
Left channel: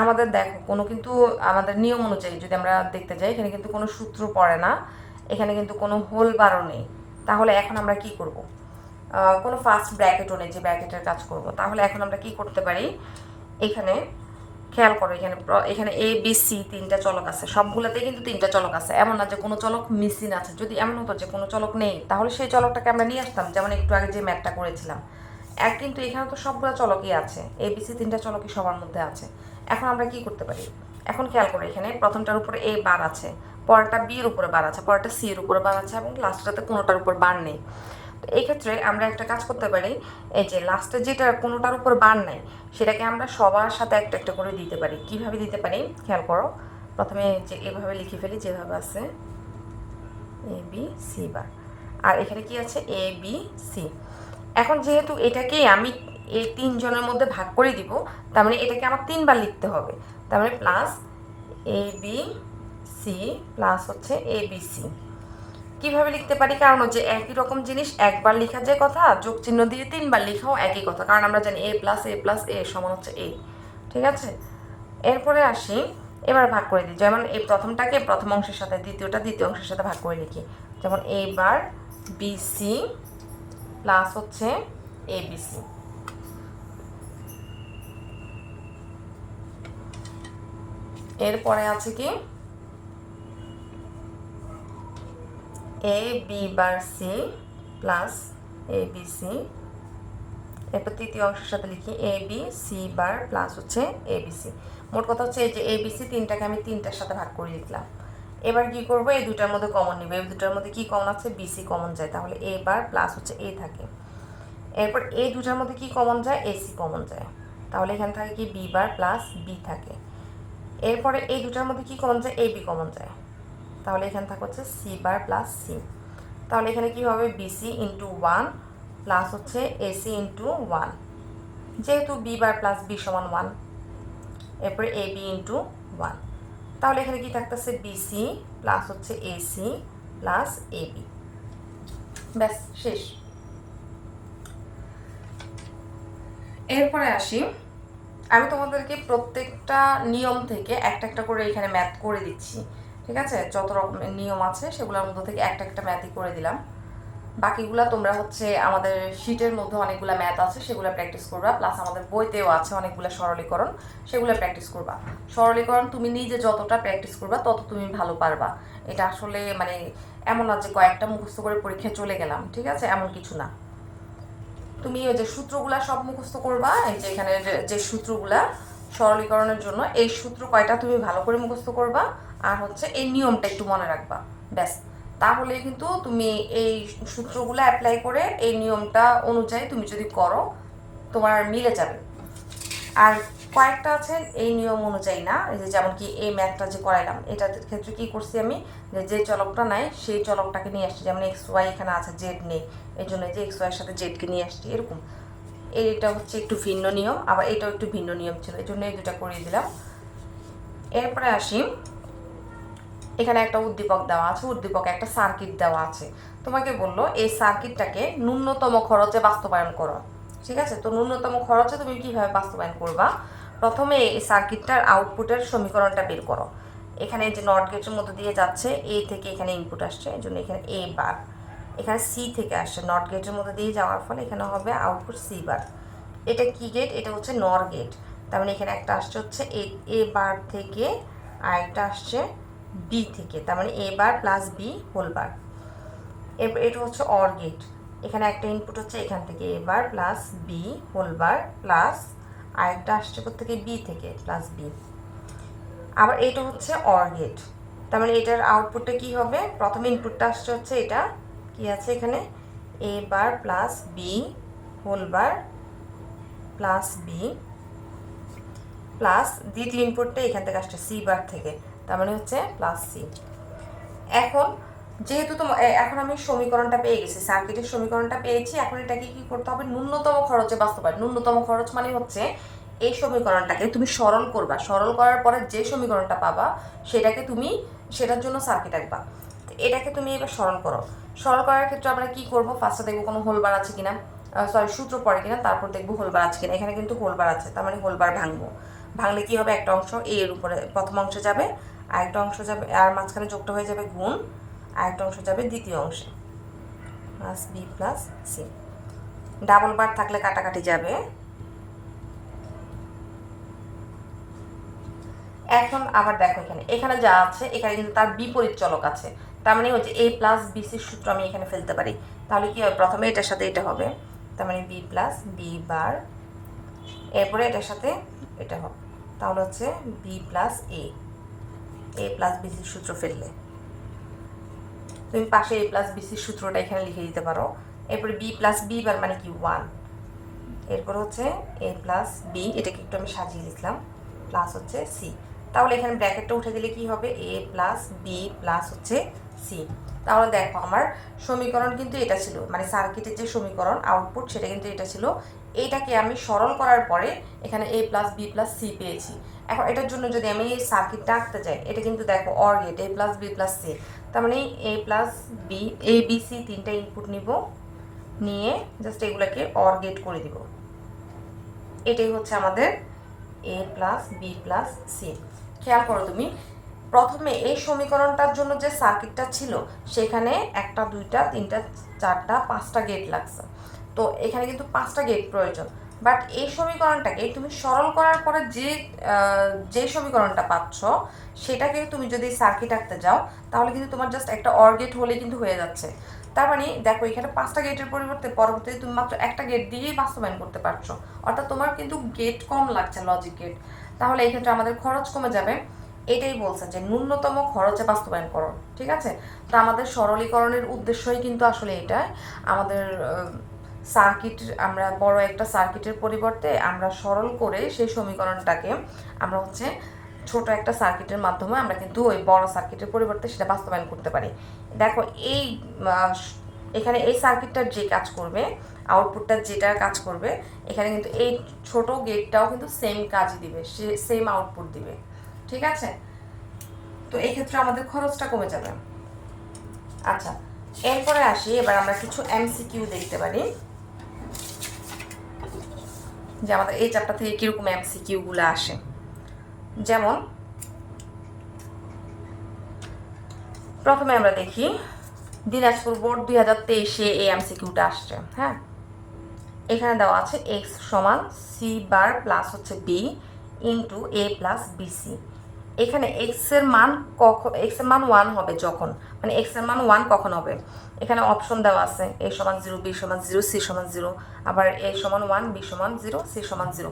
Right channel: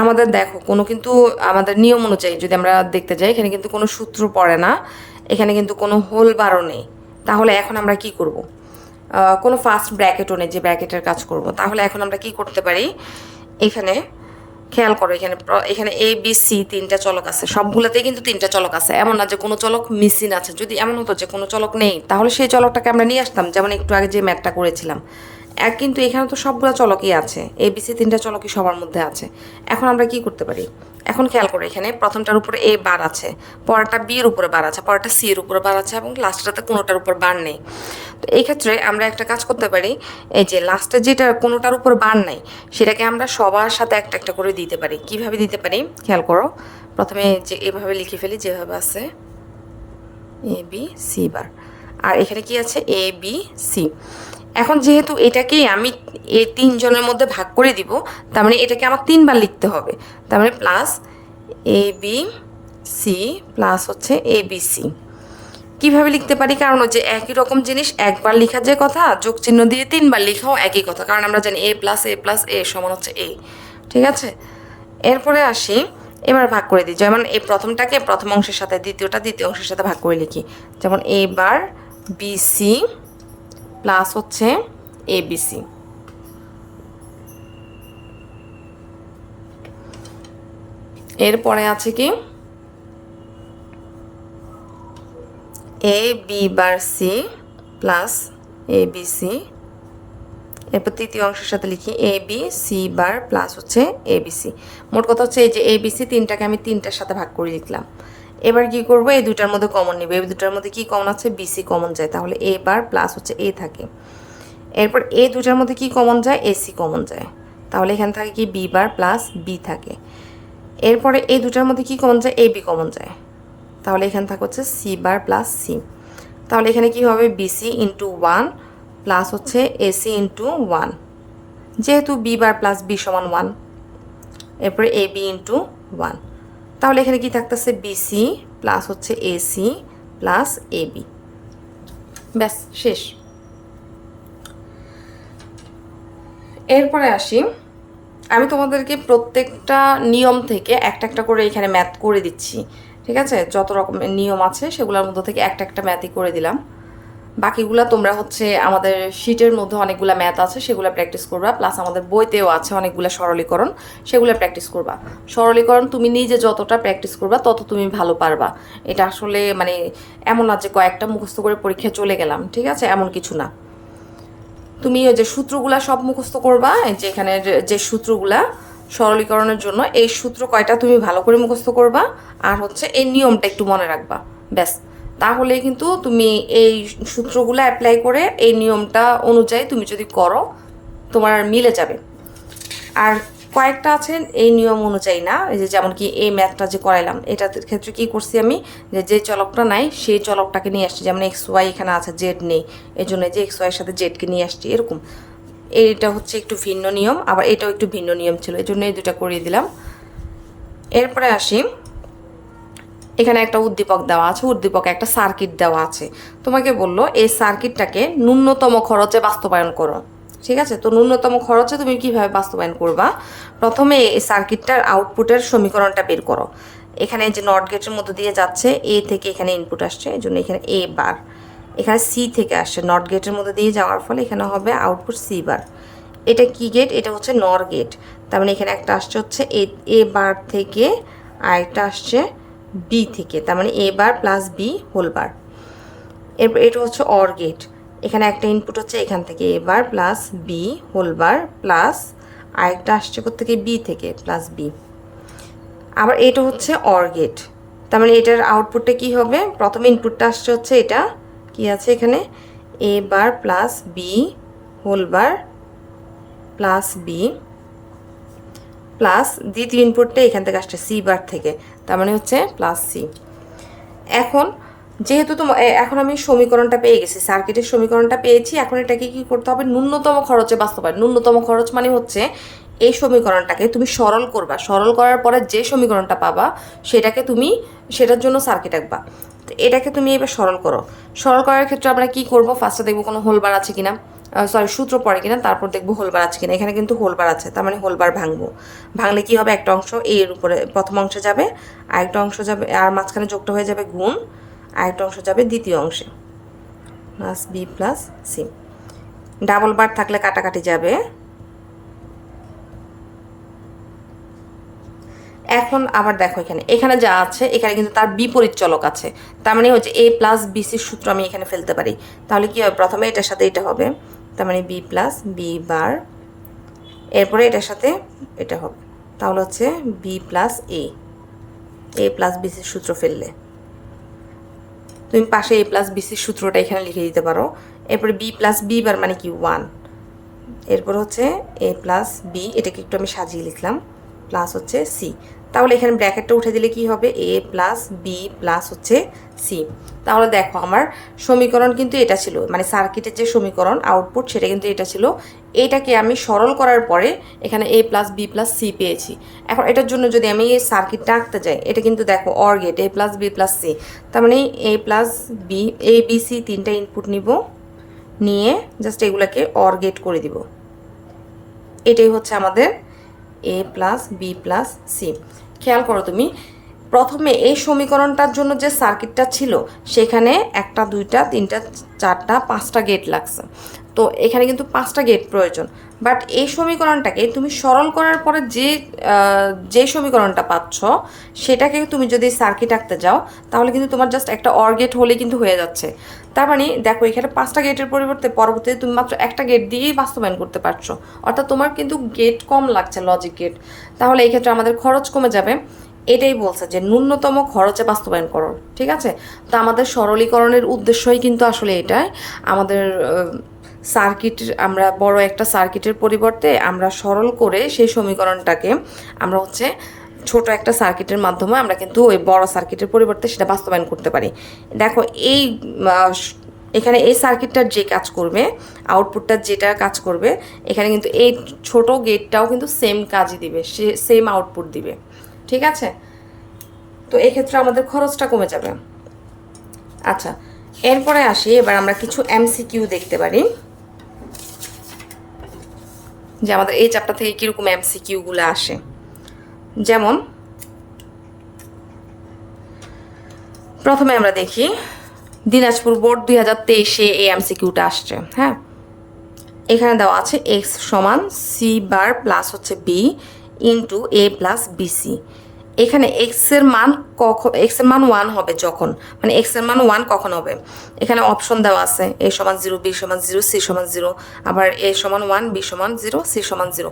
আমাদের দেখো কোনো কিন্তু আমাদের নিয়ম অনুযায়ী যদি আমরা দেখতে যাই, এখানে কিন্তু কোনো সূত্র পড়ে না, এখানে কিন্তু কোনো হোল বারও নেই। তাহলে এখন আমরা কি করব, কোনো ফার্স্ট ব্র্যাকেটও নেই যে ব্র্যাকেটের কাজ করব। তাহলে এখন আমরা কি করতে পারি, এখানে খেয়াল করো এখানে এখানে এ বি সি তিনটা চলক আছে, সবগুলোতেই কিন্তু তিনটা চলক আছে, এমন না যে কোনো চলক মিসিং আছে। যদি এমন হতো যে কোনো চলক নেই, তাহলে সেই চলকটাকে আমরা নিয়ে আসতাম, যেমন একটু আগে যে ম্যাথটা করেছিলাম। কিন্তু এখানে তো সবগুলো চলকই আছে, এ বি সি তিনটা চলকই সবার মধ্যে আছে। এখন আমরা কি করতে পারি, এখন খেয়াল করো এখানে প্রথমটার উপরে এ বার আছে, পরেরটা বি এর উপরে বার আছে, পরেরটা সি এর উপরে বার আছে এবং লাস্টটাতে কোনোটার উপর বার নেই। তো এই ক্ষেত্রে আমরা একটা কাজ করতে পারি, এই যে লাস্টে যেটা কোনোটার উপর বার নাই সেটাকে আমরা সবার সাথে একটা একটা করে দিতে পারি। কিভাবে দিতে পারি খেয়াল করো, প্রথমে যে এভাবে লিখে ফেলি যেভাবে আছে এ বি সি বার, আর এখানে কি আছে এ বি সি। এখন যেহেতু এটাকেই আমি এই তিনজনের মধ্যে ভাগ করে দিব, তার মানে এটাকে আমার তিনবার লিখতে হবে। তার মানে প্লাস এ বি সি প্লাস হচ্ছে এ বি সি। কীভাবে লিখতে পারি? কারণ হচ্ছে একই রকম জিনিস একবার লেখা যে কথা, যোগ চিহ্ন দিয়ে তিনবার লেখাও একই কথা, কারণ আমরা জানি এ প্লাস এ সমান হচ্ছে এ। ঠিক আছে, এরপরে আসি, এবার ভাগ করে দিই। যেমন এই প্রথমটাকে প্রথম অংশের সাথে, দ্বিতীয়টা দ্বিতীয় অংশের সাথে ভাগ করে লিখি। যেমন এ বার বিসি প্লাস হচ্ছে এবিসি। এরপরে আছে কি A B bar C plus A B C. এরপর তৃতীয় অংশের সাথে লিখি এ বি সি বার প্লাস হচ্ছে এ বি সি। মোট কথা হচ্ছে এই যে এ বি সি তিনটাকে আমি তিনটার সাথে ভাগ করে লিখলাম। এবার কি করব, এই দুটার মধ্যে কমন নেবে। এই দুটার মধ্যে কি কমন আছে? বিসি কমন যায়, তাহলে এ বার প্লাস হচ্ছে এ থাকে। এরপর এই দুটার মধ্যে কি কমন যায়? এসি কমন যায়, তাহলে এখানে থাকে কি বি বার প্লাস বি থাকে। এরপরে এই দুটার মধ্যে কি কমন যায়? এ বি কমন যায়, তাহলে এখানে থাকে হচ্ছে সি বার প্লাস সি। তাহলে এখানে কি হবে? বিসি ইন্টু ওয়ান প্লাস হচ্ছে এসি ইন্টু ওয়ান, যেহেতু বি বার প্লাস বি সমান ওয়ান। এরপরে এ বি ইন্টু ওয়ান, তাহলে এখানে কি থাকতেছে? বিসি প্লাস হচ্ছে এসি প্লাস এ বি। ব্যাস, শেষ। এরপরে আসি, আমি তোমাদেরকে প্রত্যেকটা নিয়ম থেকে একটা একটা করে এখানে ম্যাথ করে দিচ্ছি। ঠিক আছে, যত রকমের নিয়ম আছে সেগুলোর মধ্যে থেকে একটা একটা ম্যাথই করে দিলাম। বাকিগুলা তোমরা হচ্ছে আমাদের শিটের মধ্যে অনেকগুলো ম্যাথ আছে, সেগুলো প্র্যাকটিস করবা, প্লাস আমাদের বইতেও আছে অনেকগুলো সরলীকরণ, সেগুলো প্র্যাকটিস করবা। সরলীকরণ তুমি নিজে যতটা প্র্যাকটিস করবা তত তুমি ভালো পারবা। এটা আসলে মানে এমন না যে কয়েকটা মুখস্থ করে পরীক্ষায় চলে গেলাম, ঠিক আছে, এমন কিছু না। তুমি ওই যে সূত্রগুলা সব মুখস্থ করবা, যে এখানে যে সূত্রগুলা সরলীকরণের জন্য, এই সূত্র কয়টা তুমি ভালো করে মুখস্থ করবা, আর হচ্ছে এই নিয়মটা একটু মনে রাখবা, ব্যাস। তাহলে কিন্তু তুমি এই সূত্রগুলো অ্যাপ্লাই করে এই নিয়মটা অনুযায়ী তুমি যদি করো, তোমার মিলে যাবে। আর কয়েকটা আছে এই নিয়ম অনুযায়ী না, এই যে যেমন কি এই ম্যাথটা যে করাইলাম, এটার ক্ষেত্রে কি করছি আমি, যে চলকটা নাই সেই চলকটাকে নিয়ে আসছি। যেমন এক্স ওয়াই এখানে আছে, জেড নেই, এই জন্য যে এক্স ওয়াইয়ের সাথে জেডকে নিয়ে আসছি, এরকম। এইটা হচ্ছে একটু ভিন্ন নিয়ম, আবার এটাও একটু ভিন্ন নিয়ম ছিল, এই জন্য এই দুটা করিয়ে দিলাম। এরপরে আসি, এখানে একটা উদ্দীপক দেওয়া আছে, উদ্দীপকে একটা সার্কিট দেওয়া আছে। তোমাকে বললো এই সার্কিটটাকে ন্যূনতম খরচে বাস্তবায়ন করো। ঠিক আছে, তো ন্যূনতম খরচে তুমি কিভাবে বাস্তবায়ন করবা? প্রথমে এই সার্কিটটার আউটপুটের সমীকরণটা বের করো। এখানে যে নট গেটের মধ্যে দিয়ে যাচ্ছে, এ থেকে এখানে ইনপুট আসছে, এই জন্য এখানে এ বার, এখানে সি থেকে আসছে, নট গেটের মধ্যে দিয়ে যাওয়ার ফলে এখানে হবে আউটপুট সি বার। এটা কি গেট? এটা হচ্ছে নর গেট, তার মানে এখানে একটা আসছে হচ্ছে এ বার থেকে, আর একটা আসছে বি থেকে, তার মানে এ বার প্লাস বি হোল বার। এরপর এটা হচ্ছে অর গেট, এখানে একটা ইনপুট হচ্ছে এখান থেকে A bar plus B whole bar, plus আরেকটা আসছে থেকে বি থেকে প্লাস বি। আবার এটা হচ্ছে অর গেট, তার মানে এটার আউটপুটটা কি হবে? প্রথম ইনপুটটা আসছে হচ্ছে এটা কি আছে এখানে, A bar plus B whole bar plus B, plus দ্বিতীয় ইনপুটটা এখান থেকে আসছে সি বার থেকে, তার মানে হচ্ছে প্লাস সি। এখন যেহেতু এখন আমি সমীকরণটা পেয়ে গেছি, সার্কিটের সমীকরণটা পেয়েছি, এখন এটাকে কি করতে হবে? ন্যূনতম খরচে বাস্তবায়ন। ন্যূনতম খরচ মানে হচ্ছে এই সমীকরণটাকে তুমি সরল করবা, সরল করার পরে যে সমীকরণটা পাবা সেটাকে তুমি সেটার জন্য সার্কিট আঁকবা। তো এটাকে তুমি এবার সরল করো। সরল করার ক্ষেত্রে আমরা কি করব? ফার্স্টে দেখবো কোনো হোলবার আছে কিনা, সরি সূত্র পড়ে কিনা, তারপর দেখবো হোলবার আছে কিনা। এখানে কিন্তু হোলবার আছে, তার মানে হোলবার ভাঙবো। ভাঙলে কি হবে? একটা অংশ এর উপরে প্রথম অংশে যাবে, আরেকটা অংশ যাবে, আর মাঝখানে যোগটা হয়ে যাবে গুণ, আরেকটা অংশ যাবে দ্বিতীয় অংশে, plus B plus C. Double bar থাকলে কাটাকাটি যাবে। এখন আবার দেখো এখানে এখানে যা আছে, এখানে কিন্তু তার বিপরীত চলক আছে, তার মানে হচ্ছে এ প্লাস বিসির সূত্র আমি এখানে ফেলতে পারি। তাহলে কি হবে? প্রথমে এটার সাথে এটা হবে, তার মানে বি প্লাস বি বার, এরপরে এটার সাথে এটা হবে, তাহলে হচ্ছে বি প্লাস এ প্লাস বিসির সূত্র ফেললে তুমি পাশে এ প্লাস বিসির সূত্রটা এখানে লিখে দিতে পারো। এরপরে বি প্লাস বি বার মানে কি? ওয়ান। এরপর হচ্ছে এ প্লাস বি, এটাকে একটু আমি সাজিয়ে লিখলাম, প্লাস হচ্ছে সি। তাহলে এখানে ব্র্যাকেটটা উঠে দিলে কি হবে, এ প্লাস বি প্লাস হচ্ছে সি। তাহলে দেখো আমার সমীকরণ কিন্তু এটা ছিল, মানে সার্কিটের যে সমীকরণ আউটপুট সেটা কিন্তু এটা ছিল। এটাকে আমি সরল করার পরে এখানে এ প্লাস বি প্লাস সি পেয়েছি। এখন এটার জন্য যদি আমি এই সার্কিটটা আঁকতে যাই, এটা কিন্তু দেখো OR gate A plus B plus C, তার মানে A plus B, A B C তিনটা ইনপুট নিব, নিয়ে জাস্ট এগুলাকে অর গেট করে দিব। এটাই হচ্ছে আমাদের এ প্লাস বি প্লাস সি। খেয়াল করো তুমি, প্রথমে এই সমীকরণটার জন্য যে সার্কিটটা ছিল সেখানে একটা দুইটা তিনটা চারটা পাঁচটা গেট লাগছে, তো এখানে কিন্তু পাঁচটা গেট প্রয়োজন। বাট এই সমীকরণটাকে তুমি সরল করার পরে যে সমীকরণটা পাচ্ছ সেটাকে তুমি যদি সার্কিট আঁকতে যাও তাহলে কিন্তু তোমার জাস্ট একটা অর গেট হলে কিন্তু হয়ে যাচ্ছে। তার মানে দেখো এখানে পাঁচটা গেটের পরবর্তীতে তুমি মাত্র একটা গেট দিয়েই বাস্তবায়ন করতে পারছো, অর্থাৎ তোমার কিন্তু গেট কম লাগছে, লজিক গেট। তাহলে এই ক্ষেত্রে আমাদের খরচ কমে যাবে। এটাই বলছে যে ন্যূনতম খরচে বাস্তবায়ন করো, ঠিক আছে। তো আমাদের সরলীকরণের উদ্দেশ্যই কিন্তু আসলে এটাই, আমাদের সার্কিট, আমরা বড় একটা সার্কিটের পরিবর্তে আমরা সরল করে সেই সমীকরণটাকে আমরা হচ্ছে ছোট একটা সার্কিটের মাধ্যমে আমরা কিন্তু ওই বড় সার্কিটের পরিবর্তে সেটা বাস্তবায়ন করতে পারি। দেখো এই এখানে এই সার্কিটটার যে কাজ করবে, আউটপুটটা যেটা কাজ করবে, এখানে কিন্তু এই ছোট গেটটাও কিন্তু সেম কাজই দিবে, সে সেম আউটপুট দিবে, ঠিক আছে। তো এক্ষেত্রে আমাদের খরচটা কমে যাবে। আচ্ছা, এরপরে আসি, এবার আমরা কিছু এমসিকিউ দেখতে পারি যে আমাদের এই চ্যাপ্টার থেকে কীরকম এমসিকিউগুলো আসে। যেমন প্রথমে আমরা দেখি দিনাজপুর বোর্ড 2023-এ এই এমসিকিউটা আসছে। হ্যাঁ, এখানে দেওয়া আছে এক্স সমান সি বার প্লাস হচ্ছে বি ইন্টু এ প্লাস বিসি। এখানে এক্স এর মান ওয়ান হবে যখন, মানে এক্স এর মান ওয়ান কখন হবে, এখানে অপশন দেওয়া আছে এ সমান 0, বি সমান 0, সি সমান 0, আবার এ সমান 1, বি সমান 0, সি সমান 0,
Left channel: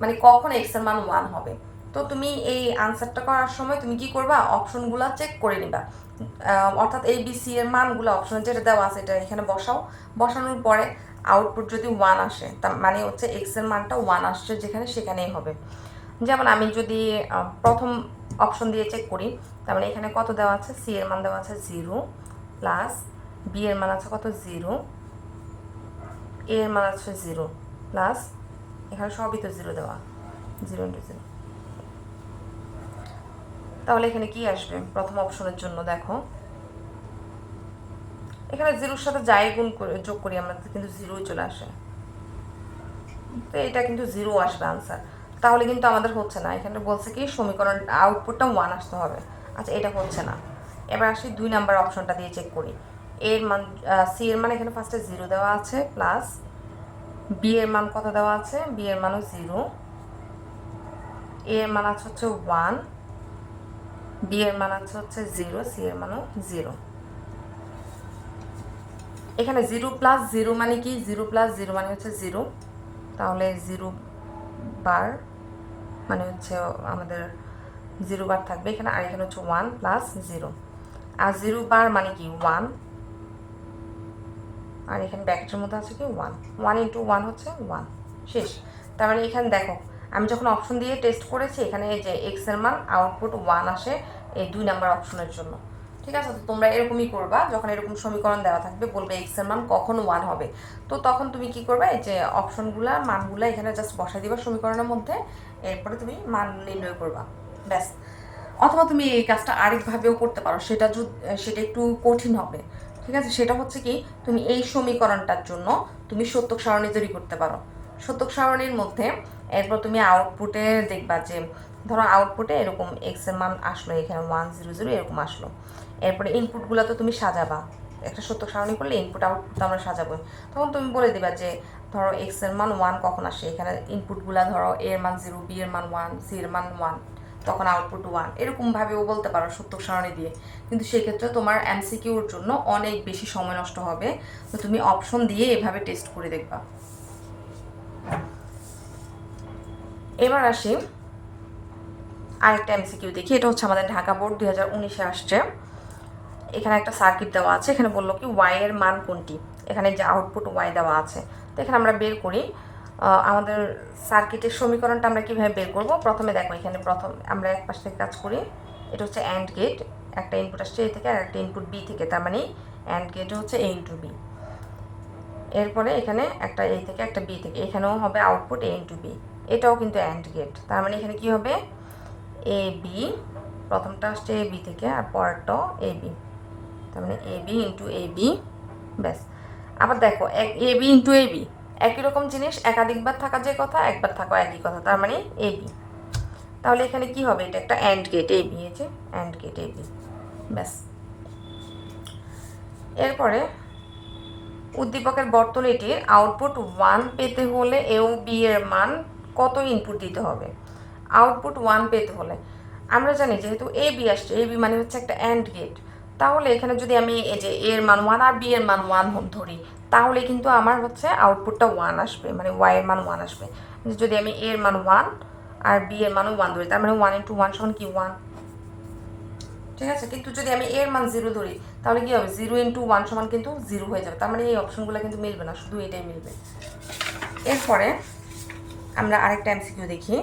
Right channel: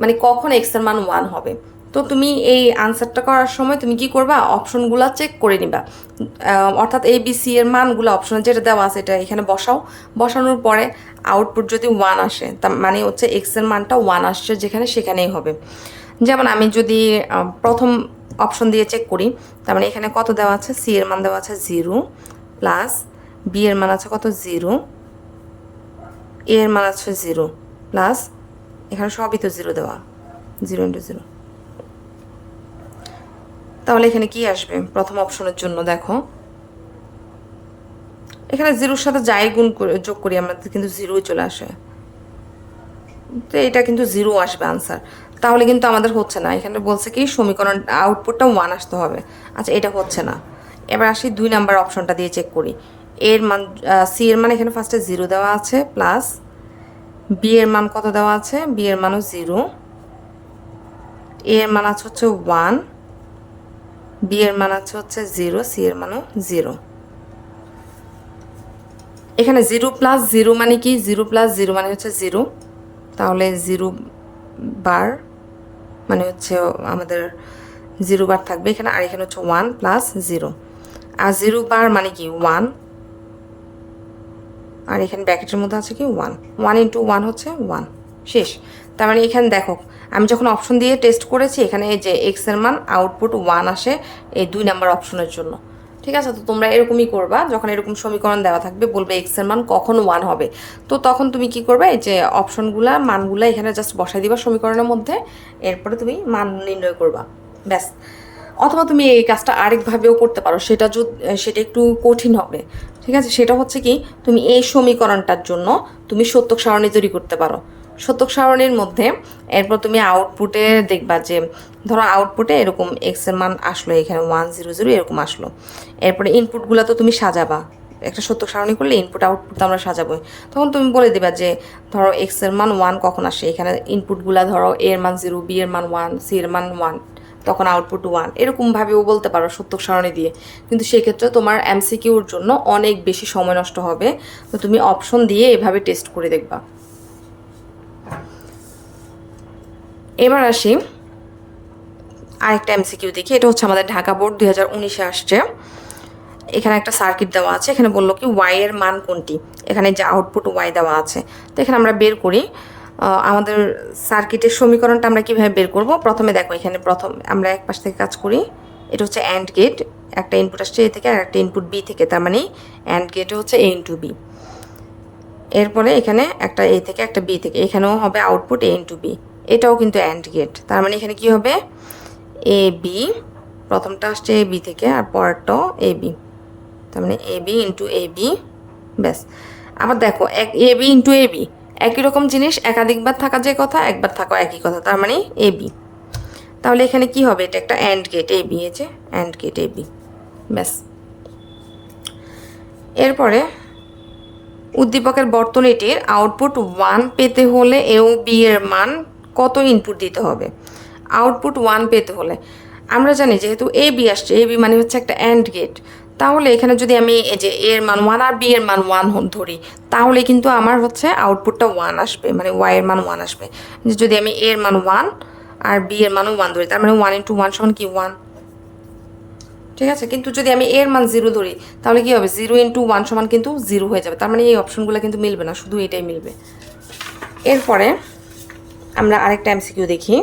মানে কখন এক্স এর মান ওয়ান হবে। তো তুমি এই আনসারটা করার সময় তুমি কি করবা, অপশনগুলো চেক করে নিবা, অর্থাৎ এ বি সি এর মানগুলো অপশনে যেটা দেওয়া আছে এটা এখানে বসাও। বসানোর পরে আউটপুট যদি ওয়ান আসে তার মানে হচ্ছে এক্স এর মানটা ওয়ান আসছে যেখানে, সেখানেই হবে। যেমন আমি যদি প্রথম অপশন দিয়ে চেক করি, তার মানে এখানে কত দেওয়া আছে, সি এর মান দেওয়া আছে 0 প্লাস বি এর মান আছে কত 0, এ এর মান আছে 0 প্লাস এখানে সবই তো 0 দেওয়া, 0 ইন্টু 0। তাহলে এখানে কি আসবে প্রথম অপশনের জন্য, দেখো এখানে 0-র সাথে যাই গুণ করে যোগ করি আমরা কিন্তু 0ই চলে আসে, তো এটা কিন্তু 0 আসবে আনসার। তাহলে কিন্তু আমাদের হচ্ছে না, এখানে বলছে কি সমীকরণ আউটপুটটা 1 আসতে হবে। আচ্ছা, এটা হচ্ছে না। এবার আসি 2 নাম্বার অপশনটা দিয়ে চেক করি। এর মান সি এর মান এখানে ফার্স্টে 0 দেওয়া আছে, প্লাস বি এর মান কত দেওয়া আছে, বি এর মানও 0, এ এর মান আছে হচ্ছে 1, বি এর মান আছে হচ্ছে 0, সি এর মানও 0। এখানে 0 প্লাস 0 মানে কি, 0 প্লাস 0 মানে হচ্ছে 0, তাহলে 0 বার মানে হচ্ছে আমাদের 0 বার থাকবে এখানে, আর এখানে হচ্ছে 1 প্লাস 0, আর 0 বার মানে কি 1, আর এখানে ব্র্যাকেটের মধ্যে আছে কি 1, 1 ইন্টু 1 হচ্ছে 1, শেষ। তার মানে এখানে দেখো আমি যখন অপশন দিয়ে টেস্ট করেছি এখানে এই যে এক্স এর মান আউটপুট 1 আসে এই 2 নাম্বার অপশনের জন্য, ঠিক আছে। তো তোমরা এরকমই করবা, যখন এরকম সমীকরণ দেওয়া থাকবে বলবে এক্স এর মান কখন 1 হবে, তো তখন তুমি কি করবে, এই যে অপশনগুলা মানগুলা এখানে জাস্ট বসাই দিবা সমীকরণের মধ্যে, এরপরে তুমি মান নির্ণয় করবা, ব্যাস। অথবা তুমি এই কাজটা আরেকভাবেও করতে পারো, সেটা একটু কঠিন হবে, ঠিক আছে। সেটা হচ্ছে কি, তুমি এই সমীকরণটার জন্য তুমি সত্যক সারণী তৈরি করতে পারো। সত্যক সারণীর মধ্যে এরপর তুমি আউটপুটে দেখবা যে ধরো আউটপুটে এরকম এক্স এর মান আসলো, এখানে 1 0 0 এরকম আসলো। এরপরে ইনপুটগুলো তো তুমি সাজাবা, একটা সত্যক সারণী করলে ইনপুট আউটপুট তো আমরা সাজাবোই। তখন তুমি বলে দিবা যে ধরো এক্স এর মান 1 কখন আসে, এখানে ইনপুটগুলো ধরো এ এর মান 0, বি এর মান 1, সি এর মান 1, তখন আউটপুট 1, এরকমভাবেও বলতে পারো সত্যক সারণী দিয়ে। কিন্তু সেক্ষেত্রে তোমার এমসিকিউর জন্য অনেক বেশি সময় নষ্ট হবে, তো তুমি অপশন দিয়ে এভাবে টেস্ট করে দেখবা। এবার আসি আরেকটা এমসিকিউ দেখি, এটা হচ্ছে আমাদের ঢাকা বোর্ড 2019-এ আসছে। এখানে একটা সার্কিট দেওয়া আছে, এখানে বললো কি ওয়াই এর মান কোনটি, এখানে যে আউটপুট ওয়াই দেওয়া আছে, তো এখানে আমরা বের করি। আমাদের সার্কিটের সমীকরণটা আমরা কীভাবে বের করব। প্রথমে দেখো এখানে প্রথম আমরা এক পাশ থেকে কাজ করি। এটা হচ্ছে অ্যান্ড গেট, একটা ইনপুট আসছে এ থেকে আর একটা ইনপুট বি থেকে, তার মানে অ্যান্ড গেটে হচ্ছে এ ইন্টু বি। এরপরে এখানে একটা এ থেকে একটা বি থেকে, এখানেও হবে আউটপুট এ ইন্টু বি। এটাও কিন্তু অ্যান্ড গেট, তার মানে এখানে কি হবে এ বি, প্রথমটা আসছে এ বি থেকে আর পরেরটাও এ বি, তার মানে এ বি ইন্টু এ বি। ব্যাস। আবার দেখো এ বি ইন্টু এ বি একই রকম জিনিস, একাধিকবার থাকা যে কথা, একবার থাকা একই কথা, তার মানে এ বি। তাহলে এখানে কি হবে, এটা একটা অ্যান্ড গেট এ বি, যে অ্যান্ড গেট এ বি। ব্যাস। এরপরে উদ্দীপকের বর্তনীটির আউটপুট 1 পেতে হলে এ ও বি এর মান কত ইনপুট দিতে হবে। আউটপুট 1 পেতে হলে আমরা জানি যেহেতু এ বি আসছে, এ বি মানে হচ্ছে একটা অ্যান্ড গেট, তাহলে এখানে যদি আমি এই যে এর মান 1 আর বি এর মান 1 ধরি, তাহলে কিন্তু আমার হচ্ছে আউটপুটটা 1 আসবে, মানে ওয়াই এর মান 1 আসবে। যদি আমি এর মান 1 আর বি এর মানও 1 ধরি, তার মানে 1 ইন্টু 1 সমান কি 1। ঠিক আছে, কিন্তু যদি আমি এর মান 0 ধরি তাহলে কি হবে, 0 ইন্টু 1 সমান কিন্তু 0 হয়ে যাবে, তার মানে এই অপশনগুলো কিন্তু মিলবে না, শুধু এটাই মিলবে। এরপরে আমরা আরেকটা এমসিকিউ দেখি।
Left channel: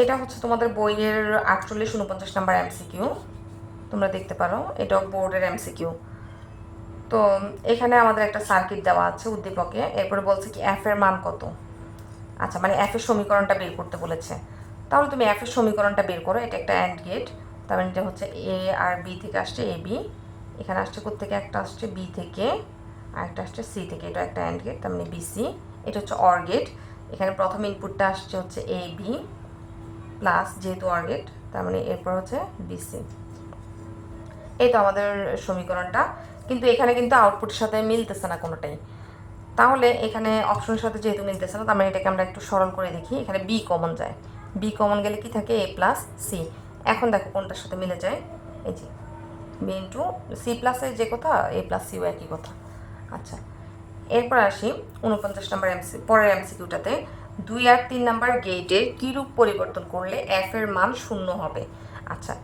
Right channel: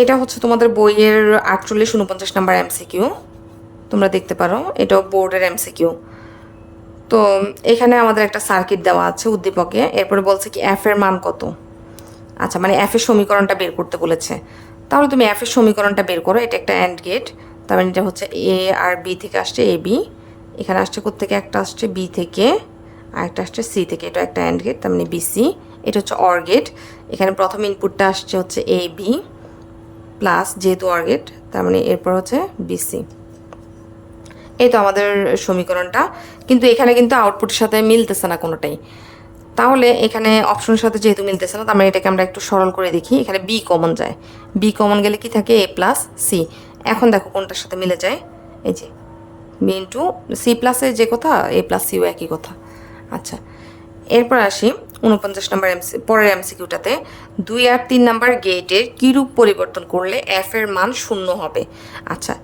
এটা হচ্ছে তোমাদের বইয়ের 48-49 নাম্বার এমসিকিউ, তোমরা দেখতে পারো, এটাও বোর্ডের এমসিকিউ। তো এখানে আমাদের একটা সার্কিট দেওয়া আছে উদ্দীপকে, এরপরে বলছে কি এফ এর মান কত। আচ্ছা, মানে এফ এর সমীকরণটা বের করতে বলেছে, তাহলে তুমি এফ এর সমীকরণটা বের করো। এটা একটা অ্যান্ড গেট, তার মানে এটা হচ্ছে এ আর বি থেকে আসছে এ বি, এখানে আসছে কোত্থেকে, একটা আসছে বি থেকে আর একটা আসছে সি থেকে, এটা একটা অ্যান্ড গেট, তার মানে বিসি। এটা হচ্ছে অর গেট, এখানে প্রথম ইনপুটটা আসছে হচ্ছে এ বি প্লাস, যেহেতু অর গেট তার মানে এরপর হচ্ছে বিসি। এই তো আমাদের সমীকরণটা, কিন্তু এখানে কিন্তু আউটপুটের সাথে মিলতেছে না কোনোটাই। তাহলে এখানে অপশনের সাথে যেহেতু মিলতেছে না, তার মানে এটাকে আমরা একটু সরল করে দেখি। এখানে বি কমন যায়, বি কমন গেলে কি থাকে, এ প্লাস সি। এখন দেখো কোনটার সাথে মিলে যায়, এই যে বি ইন্টু সি প্লাসে যে কথা, এ প্লাস সিও একই কথা। আচ্ছা, এরপর আসি 49 নম্বর পরের এমসিকিউটাতে। 2 আর 3 নাম্বার গেটের কীরূপ পরিবর্তন করলে এফ এর মান 0 হবে। আচ্ছা,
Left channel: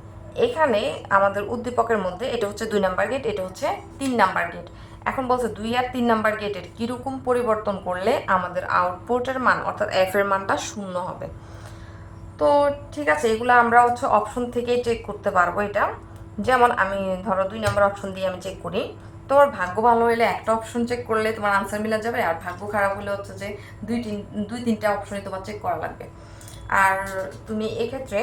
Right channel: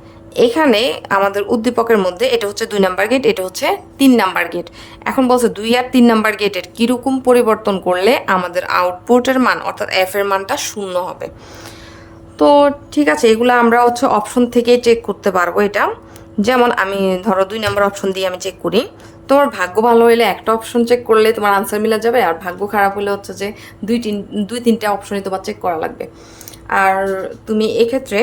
এখানে আমাদের উদ্দীপকের মধ্যে এটা হচ্ছে 2 নাম্বার গেট, এটা হচ্ছে 3 নাম্বার গেট। এখন বলছে 2 আর 3 নাম্বার গেটের কীরকম পরিবর্তন করলে আমাদের আউটপুটের মান অর্থাৎ এফ এর মানটা 0 হবে। তো ঠিক আছে, এগুলো আমরা হচ্ছে অপশন থেকে চেক করতে পারবো। এটা যেমন আমি ধরো 2 নাম্বার অপশন দিয়ে আমি চেক করি, তোমার ভাগ্য ভালো হলে একটা অপশন চেক করলে তোমার আনসার মিলে যাবে, আর ভাগ্য খারাপ হলে হচ্ছে যে দুই তিনটা অপশনই তোমার চেক করা লাগবে। আর তুমি এক্ষেত্রে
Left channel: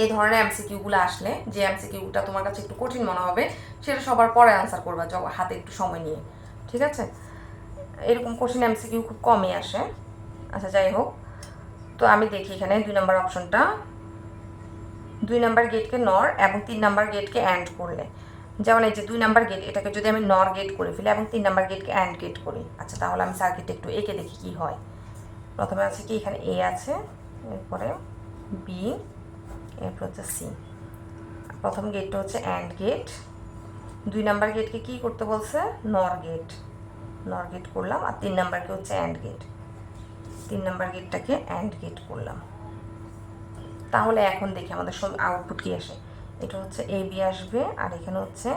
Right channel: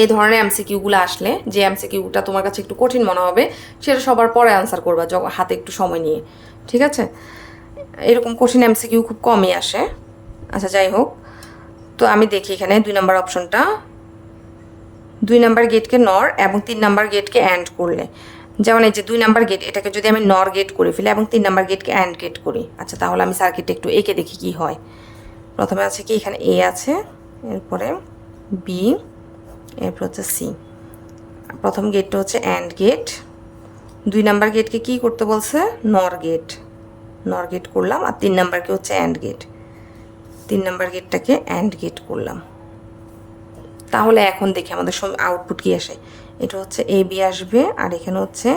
এই ধরনের এমসিকিউগুলো আসলে, যে এমসিকিউটা তোমার কাছে একটু কঠিন মনে হবে সেটা সবার পরে আনসার করবা, যখন হাতে একটু সময় নিয়ে। ঠিক আছে, এরকম কঠিন এমসিকিউ খুব কমই আসে। আচ্ছা, যাই হোক, তো আমি দেখি এখানে 2 নাম্বার অপশনটা, 2 নাম্বার গেটকে নর এবং 3 নাম্বার গেটকে অ্যান্ড করলে, যেমন এই যে 2 নাম্বার গেট, এটাকে যদি আমি নর গেট করে ফেলি এবং 3 নাম্বার গেটকে অ্যান্ড গেট করি। আচ্ছা, তাহলে আমি সার্কিটটা একটু এঁকে দেখি কি হয়। প্রথমে আছে কি, এখানে এ আছে, এরপরে বি, এরপর হচ্ছে সি। প্রথম গেটটা হচ্ছে অ্যান্ড গেট, 2 নাম্বার গেটকে কি করতে বলছে, নর গেট, নর গেট করলাম, আর 3 নাম্বারকে হচ্ছে অ্যান্ড গেট, 3 নাম্বার গেটটাকে অ্যান্ড গেট করলাম। তাহলে এখন দেখি আমাদের আউটপুট কি আসে। এটা হচ্ছে এ বি আসবে, আর এখানে হচ্ছে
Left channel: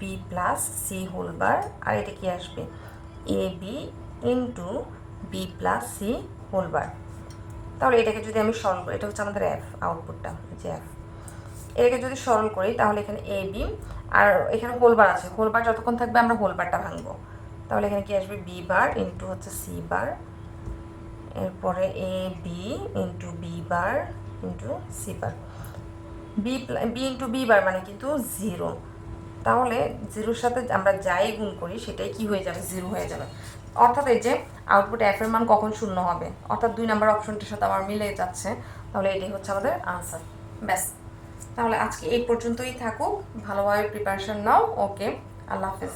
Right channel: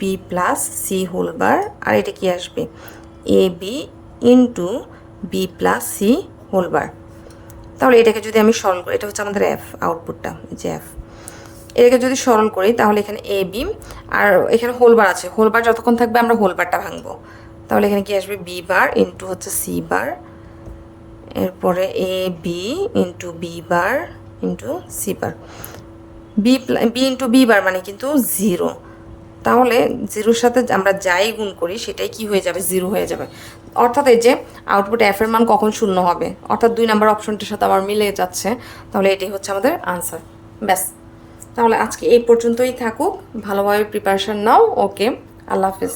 B plus C whole bar, আর এটা কি আসবে, A B into B plus C whole bar. তাহলে এটাকে যদি আমি সরল করি, এটা হচ্ছে আমাদের এফ, আউটপুটটা যে এফ। এটাকে যদি সরল করি তাহলে এখানে এ বি, আর এখানে হোল বার আছে, হোল বার যতক্ষণ থাকবে আমরা হোল বারটা ভাঙবো। তাহলে এখানে কি আসবে, বি বার ইন্টু হচ্ছে সি বার, এরপরে A B into B bar into C bar. B into B bar মানে কিন্তু 0, তাহলে 0-র সাথে আমরা যাই গুণ করি সেটাই কি হয়ে যাবে, 0 হয়ে যাবে। অর্থাৎ এই যে আউটপুট এফ এর মান কখন 0 হবে, অর্থাৎ 2 নাম্বার অপশনটির সাথে আবার মিলে যাচ্ছে, তাহলে এটাই হচ্ছে আমাদের আনসার। ব্যাস, তাহলে আজকে এই পর্যন্তই থাকুক, ভালোভাবে প্রিপারেশন নাও। ওকে, আল্লাহ হাফিজ।